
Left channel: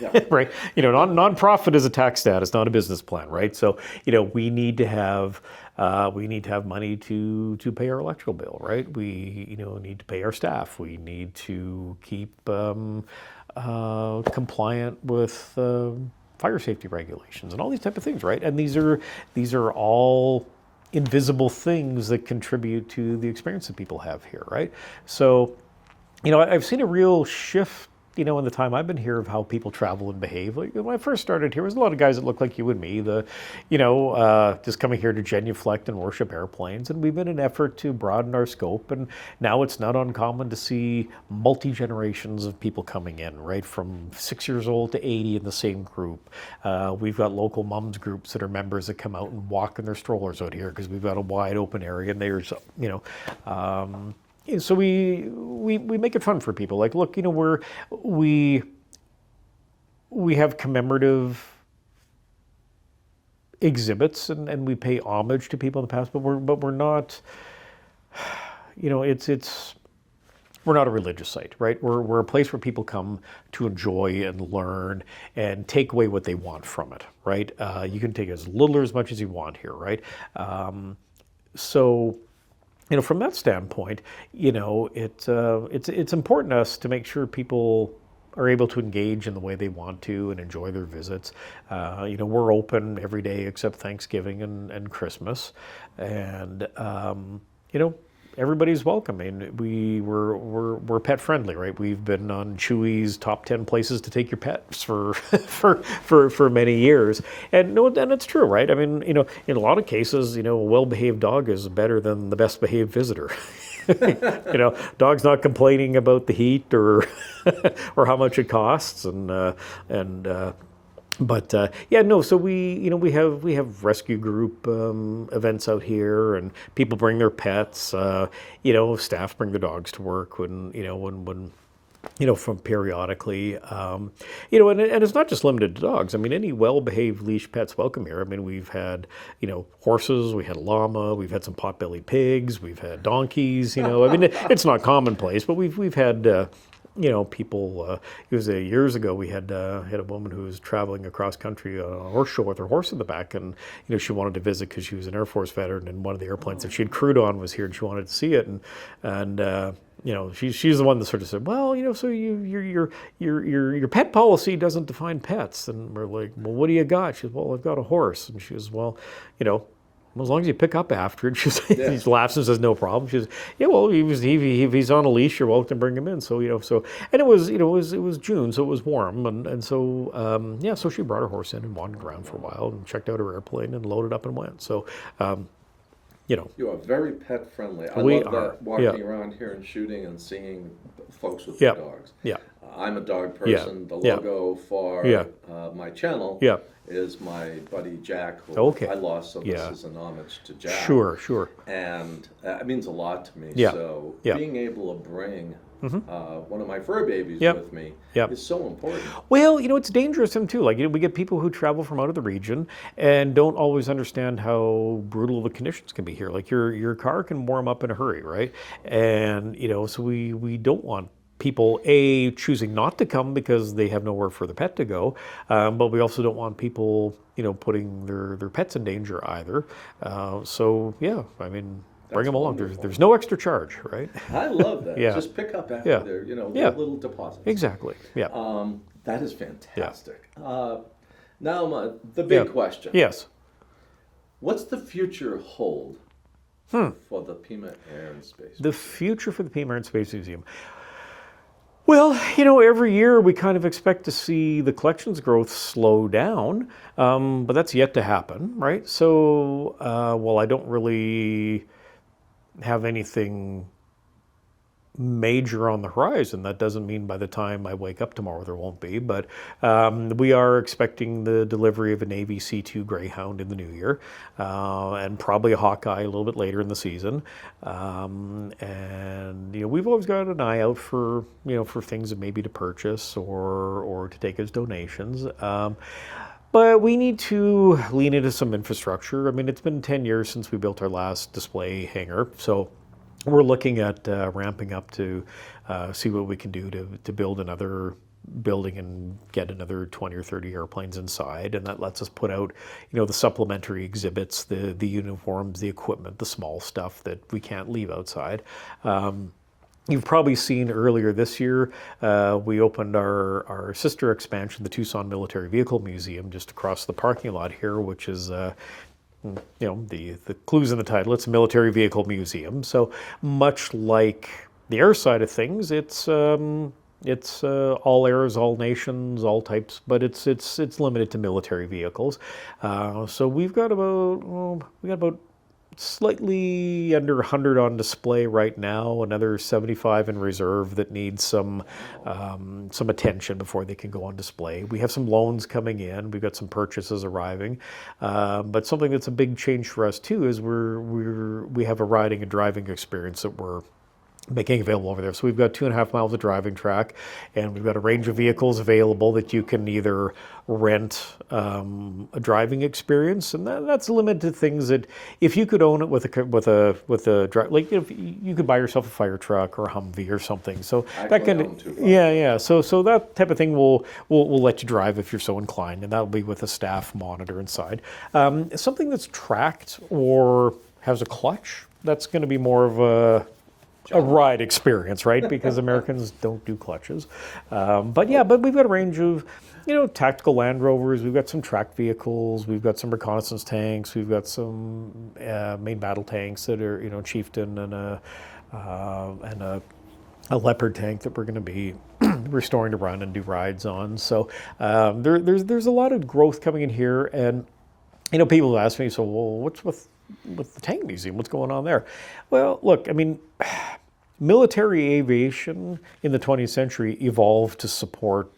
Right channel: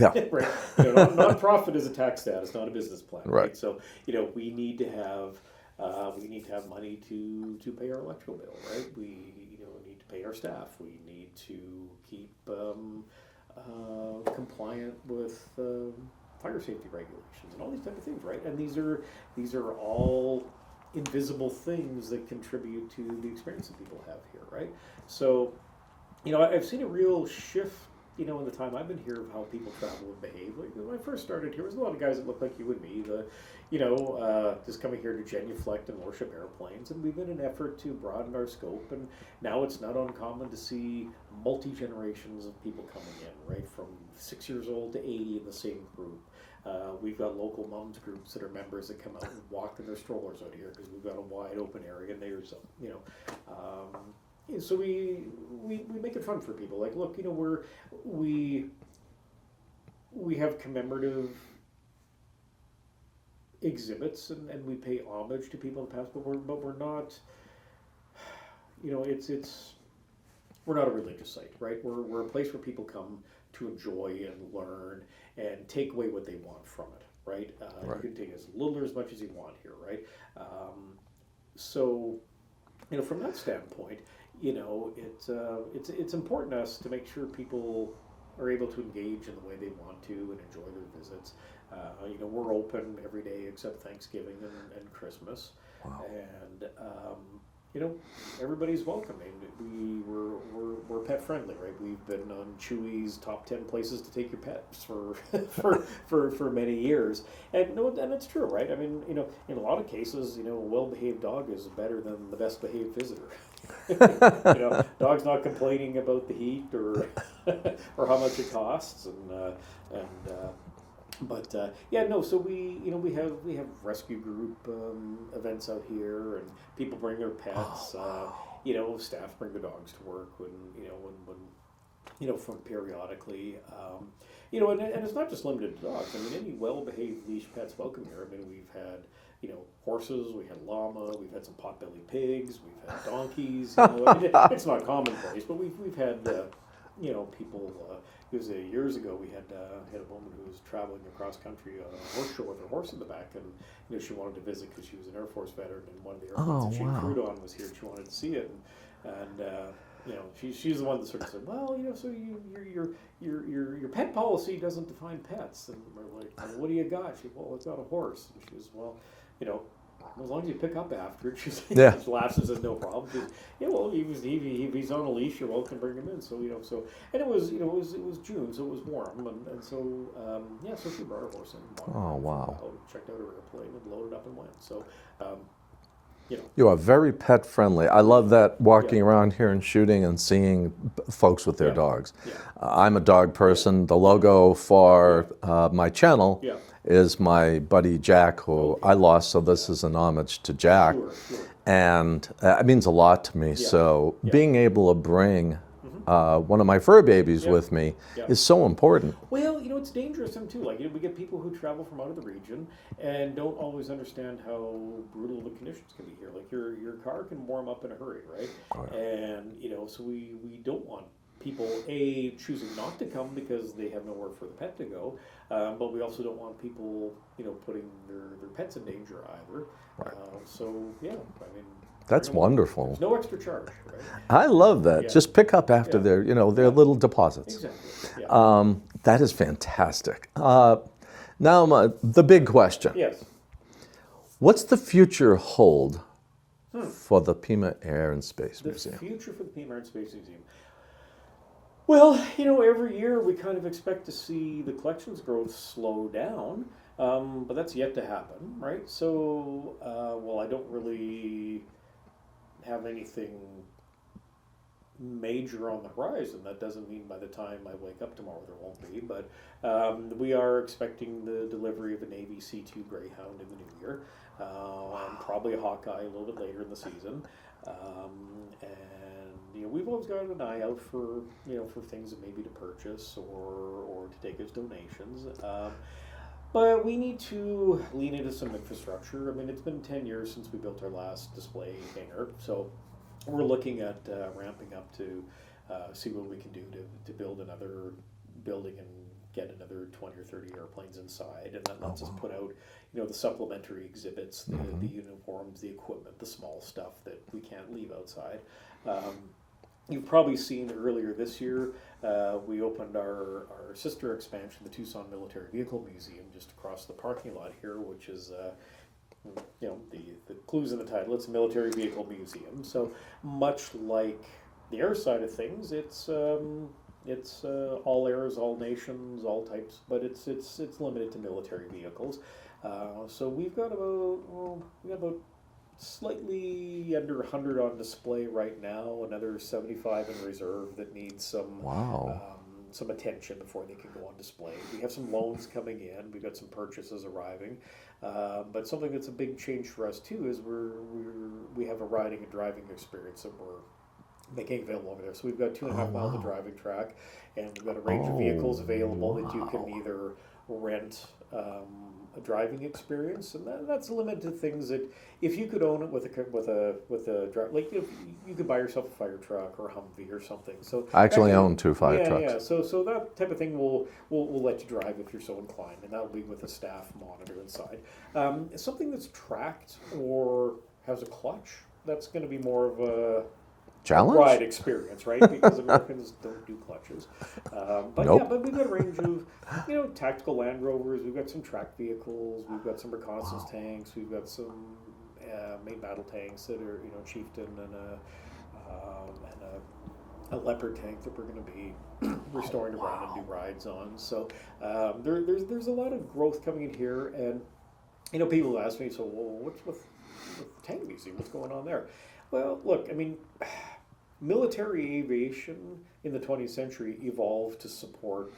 Yeah. Right. Non-profit is a tax status, not a business plan, right? So, we need to have money to pay our electrical bill, right? We need to pay our staff. We need to keep compliant with fire safety regulations and all these type of things, right? And these are all invisible things that contribute to the experience that people have here, right? So, I've seen a real shift, in the time I've been here of how people travel and behave. Like when I first started here, there was a lot of guys that looked like you and me, just coming here to genuflect and worship airplanes. And we've made an effort to broaden our scope. And now it's not uncommon to see multi-generations of people coming in, right? From 6 years old to 80 in the same group. We've got local moms groups that are members that come out and walk in their strollers out here because we've got a wide open area, and there's, so we make it fun for people. Like, look, we have commemorative exhibits and we pay homage to people in the past, but we're not, we're not a religious site, right? We're a place where people come to enjoy and learn and take away what they want from it, right? You can take as little or as much as you want here, right? So, from that standpoint, it's important to us to make sure people are able to engage in the way they want to and enjoy their visits. We're open every day except Thanksgiving and Christmas, and everybody's welcome. I mean, we're pet friendly, right? We've been on Chewy's top 10 places to take your pets for many years, and it's true, right? I mean, in a lot of cases, a well-behaved dog is better than the best-behaved visitor. Dog's not complaining about the heat or or how much it costs, so we have rescue group events out here, and people bring their pets. Staff bring their dogs to work when from periodically. And it's not just limited to dogs. I mean, any well-behaved leash pet's welcome here. I mean, we've had horses, we had a llama, we've had some pot-bellied pigs, we've had donkeys. I mean, it's not commonplace, but we've had. People. It was years ago. We had a woman who was traveling across country on a horse show with her horse in the back, and she wanted to visit because she was an Air Force veteran, and one of the airplanes that she had crewed on was here, and she wanted to see it, and she's the one that sort of said, well, so your pet policy doesn't define pets, and we're like, well, what do you got? She says, well, I've got a horse, and she says, well, as long as you pick up after it. She laughs and says, no problem. She says, yeah, well, if he's on a leash, you're welcome to bring him in. So, and it was June, so it was warm. And so, so she brought her horse in and wandered around for a while and checked out her airplane and loaded up and went. So, You are very pet friendly. I love that walking around here and shooting and seeing folks with their dogs. Yeah. I'm a dog person. The logo for my channel Yeah. is my buddy Jack, who I lost, so this is an homage to Jack. Sure. And it means a lot to me. Yeah. So being able to bring one of my fur babies with me is so important. Well, it's dangerous too. Like, we get people who travel from out of the region and don't always understand how brutal the conditions can be here. Like, your car can warm up in a hurry, right? And so we don't want people choosing not to come because they have nowhere for the pet to go, but we also don't want people putting their pets in danger either. So yeah, I mean. That's wonderful. There's no extra charge, right? I love that. Just pick up after their little deposits. Exactly. Yeah. That is fantastic. Now, the big question. Yes. What's the future hold for the Pima Air and Space Museum? The future for the Pima and Space Museum. Well, every year we kind of expect to see the collections growth slow down, but that's yet to happen, right? So, while I don't really have anything major on the horizon, that doesn't mean by the time I wake up tomorrow there won't be, but we are expecting the delivery of a Navy C2 Greyhound in the new year, and probably a Hawkeye a little bit later in the season. And we've always got an eye out for for things that maybe to purchase or to take as donations. But we need to lean into some infrastructure. I mean, it's been 10 years since we built our last display hangar, so we're looking at ramping up to see what we can do to build another building and get another 20 or 30 airplanes inside, and that lets us put out the supplementary exhibits, the uniforms, the equipment, the small stuff that we can't leave outside. You've probably seen earlier this year, we opened our sister expansion, the Tucson Military Vehicle Museum, just across the parking lot here, which is, the clues in the title. It's a military vehicle museum. So much like the air side of things, it's all airs, all nations, all types, but it's limited to military vehicles. So we've got about slightly under 100 on display right now, another 75 in reserve that needs some attention before they can go on display. We have some loans coming in, we've got some purchases arriving, but something that's a big change for us too is we have a riding and driving experience that we're making available over there. So we've got 2.5 miles of driving track, and we've got a range of vehicles available that you can either rent a driving experience, and that's limited to things that if you could own it with a like if you could buy yourself a fire truck or a Humvee or something. So I actually own 2 fire trucks. So that type of thing will let you drive if you're so inclined, and that'll be with a staff monitor inside. Something that's tracked or has a clutch, that's going to be more of a ride experience, right? Because Americans don't do clutches. But we've got a range of, tactical Land Rovers. We've got some tracked vehicles. We've got some reconnaissance tanks. We've got some main battle tanks that are, Chieftain and a Leopard tank that we're going to be restoring to run and do rides on. So there's a lot of growth coming in here, and people ask me, so what's with the tank museum? What's going on there? Well, look, I mean, military aviation in the 20th century evolved to support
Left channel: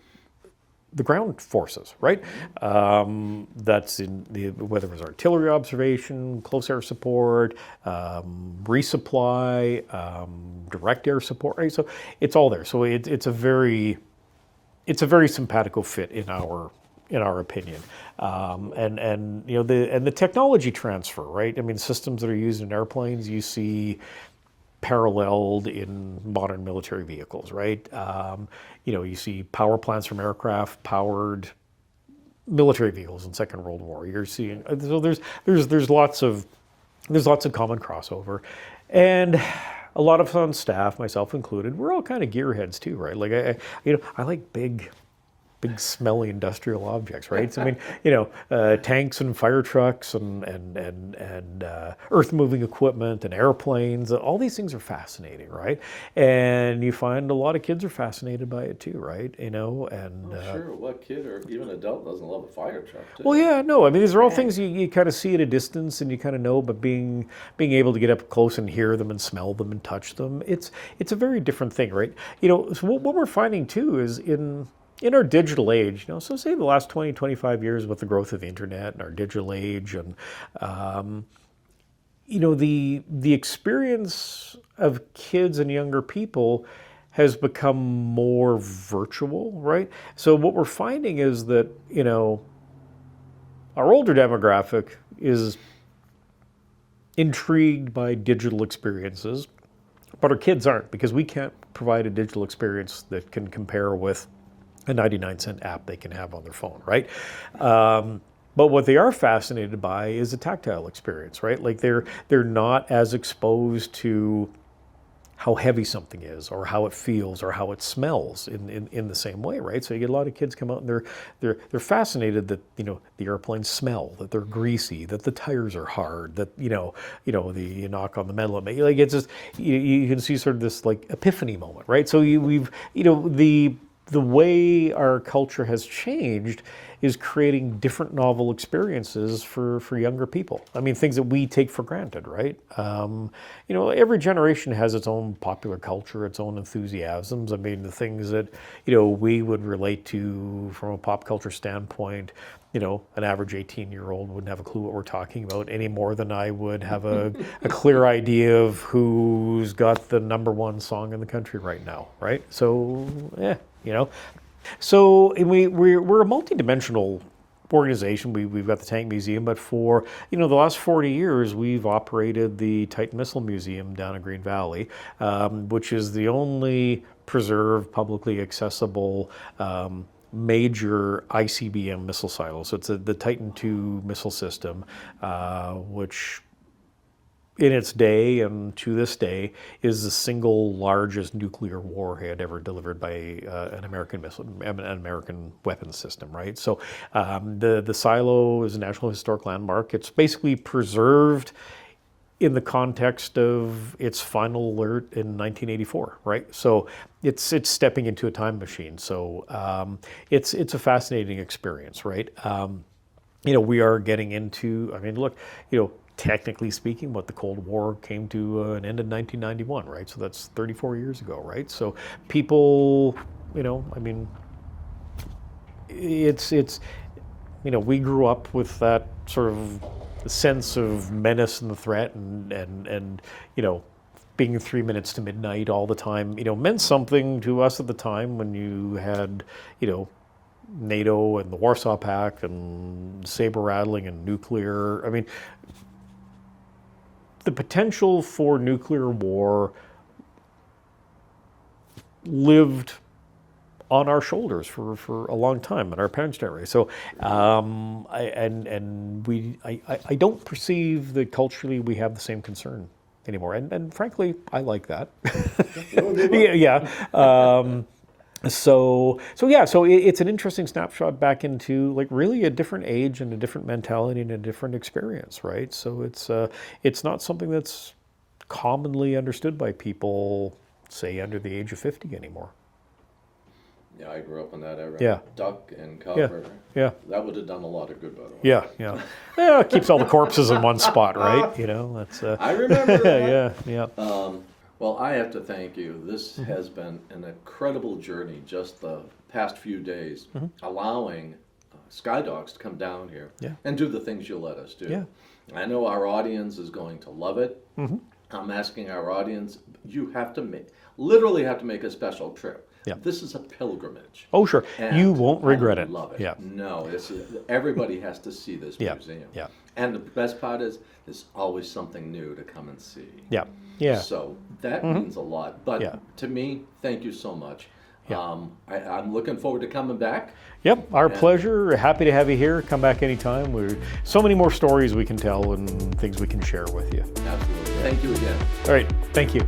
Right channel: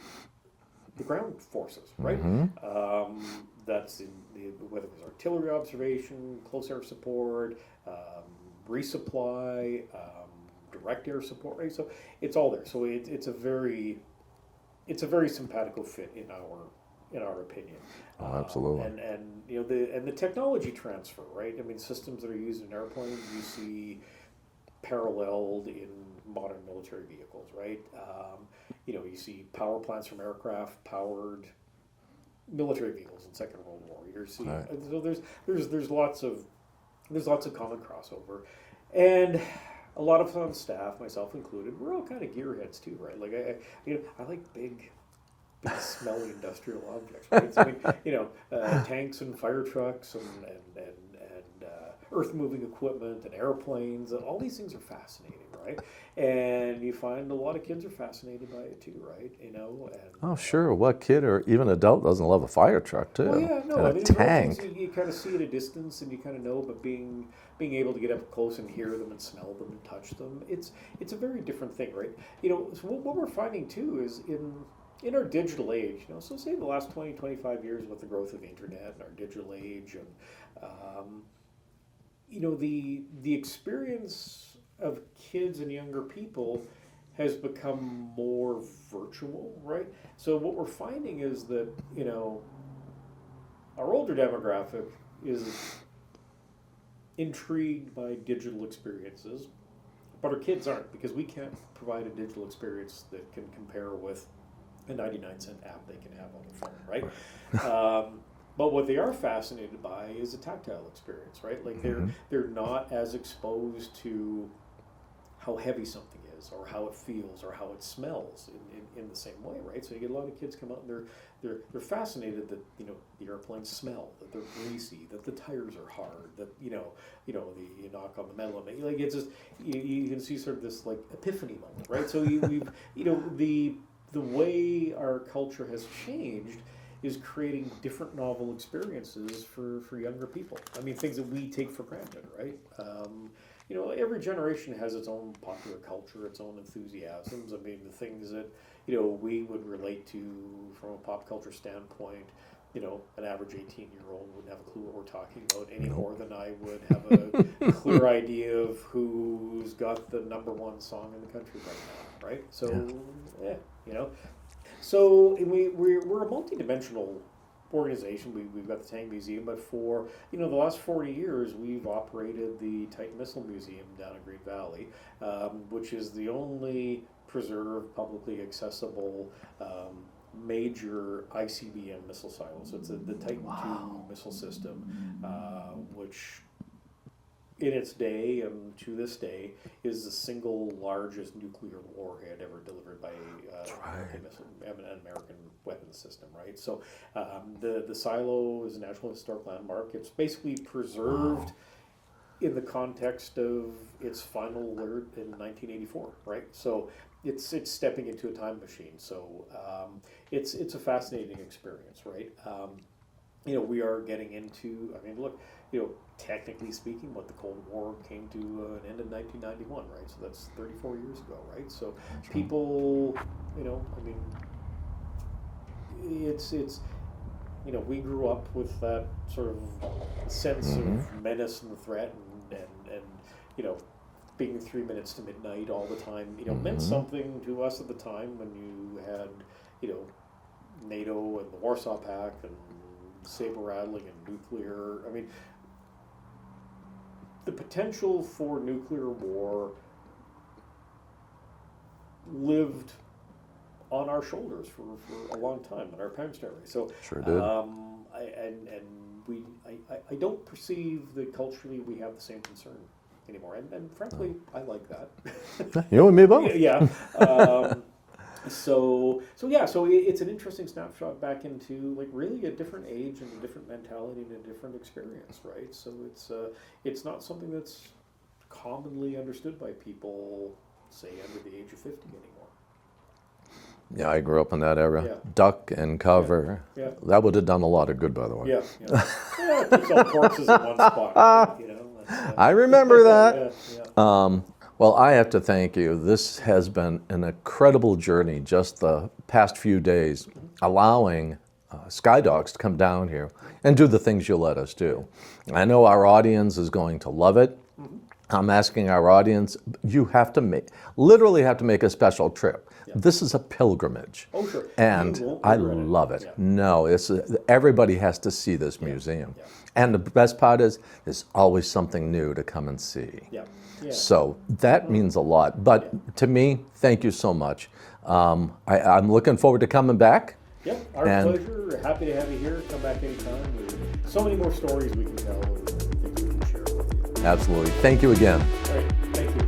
the ground forces, right? That's whether it was artillery observation, close air support, resupply, direct air support, right? So it's all there. So it's a very simpatico fit in our opinion, and the technology transfer, right? I mean, systems that are used in airplanes, you see paralleled in modern military vehicles, right? You see power plants from aircraft powered military vehicles in Second World War. You're seeing so there's lots of common crossover, and a lot of us on staff, myself included, we're all kind of gearheads too, right? Like I like big big smelly industrial objects, right? So, I mean, tanks and fire trucks and earth-moving equipment and airplanes. All these things are fascinating, right? And you find a lot of kids are fascinated by it too, right? And sure. What kid or even adult doesn't love a fire truck too? well, yeah, no. I mean, these are all things you kind of see at a distance and you kind of know, but being able to get up close and hear them and smell them and touch them, it's a very different thing, right? So what we're finding too is in our digital age, so say the last 20, 25 years with the growth of the internet and our digital age and, the experience of kids and younger people has become more virtual, right? So what we're finding is that, our older demographic is intrigued by digital experiences, but our kids aren't, because we can't provide a digital experience that can compare with a 99-cent app they can have on their phone, right? But what they are fascinated by is a tactile experience, right? Like they're not as exposed to how heavy something is or how it feels or how it smells in the same way, right? So you get a lot of kids come out and they're fascinated that the airplanes smell, that they're greasy, that the tires are hard, that you knock on the metal and like it's just you can see sort of this like epiphany moment, right? So we've the way our culture has changed is creating different novel experiences for younger people. I mean, things that we take for granted, right? Every generation has its own popular culture, its own enthusiasms. I mean, the things that, we would relate to from a pop culture standpoint, an average 18-year-old wouldn't have a clue what we're talking about any more than I would have a clear idea of who's got the #1 song in the country right now, right? So, So we're a multi-dimensional organization. We've got the Tank Museum, but for the last 40 years, we've operated the Titan Missile Museum down in Green Valley, which is the only preserved, publicly accessible major ICBM missile silo. So it's the Titan II missile system, which in its day and to this day is the single largest nuclear warhead ever delivered by an American weapons system, right? So the silo is a National Historic Landmark. It's basically preserved in the context of its final alert in 1984, right? So it's stepping into a time machine. So it's a fascinating experience, right? We are getting into, I mean, look, technically speaking, what the Cold War came to an end in 1991, right? So that's 34 years ago, right? So people, I mean, it's we grew up with that sort of sense of menace and the threat and being 3 minutes to midnight all the time, meant something to us at the time when you had, NATO and the Warsaw Pact and saber rattling and nuclear. I mean, the potential for nuclear war lived on our shoulders for a long time in our parents' generation. So, I don't perceive that culturally we have the same concern anymore. And frankly, I like that. Me both. Yeah. So it's an interesting snapshot back into like really a different age and a different mentality and a different experience, right? So it's not something that's commonly understood by people, say, under the age of 50 anymore. Yeah, I grew up in that era. Yeah. Duck and cover. Yeah. That would have done a lot of good, by the way. Yeah. Yeah, it keeps all the corpses in one spot, right? That's, I remember that. Yeah. Well, I have to thank you. This has been an incredible journey just the past few days, allowing Sky Dogs to come down here and do the things you let us do. Yeah. I know our audience is going to love it. I'm asking our audience, you have to literally have to make a special trip. Yeah. This is a pilgrimage. Oh, sure. And you won't regret it. I love it. Yeah. No, everybody has to see this museum. Yeah. And the best part is, there's always something new to come and see. Yeah. Yeah. So that means a lot. But to me, thank you so much. Yeah. I'm looking forward to coming back. Yep, our pleasure. Happy to have you here. Come back anytime. There's so many more stories we can tell and things we can share with you. Absolutely. Thank you again. All right. Thank you.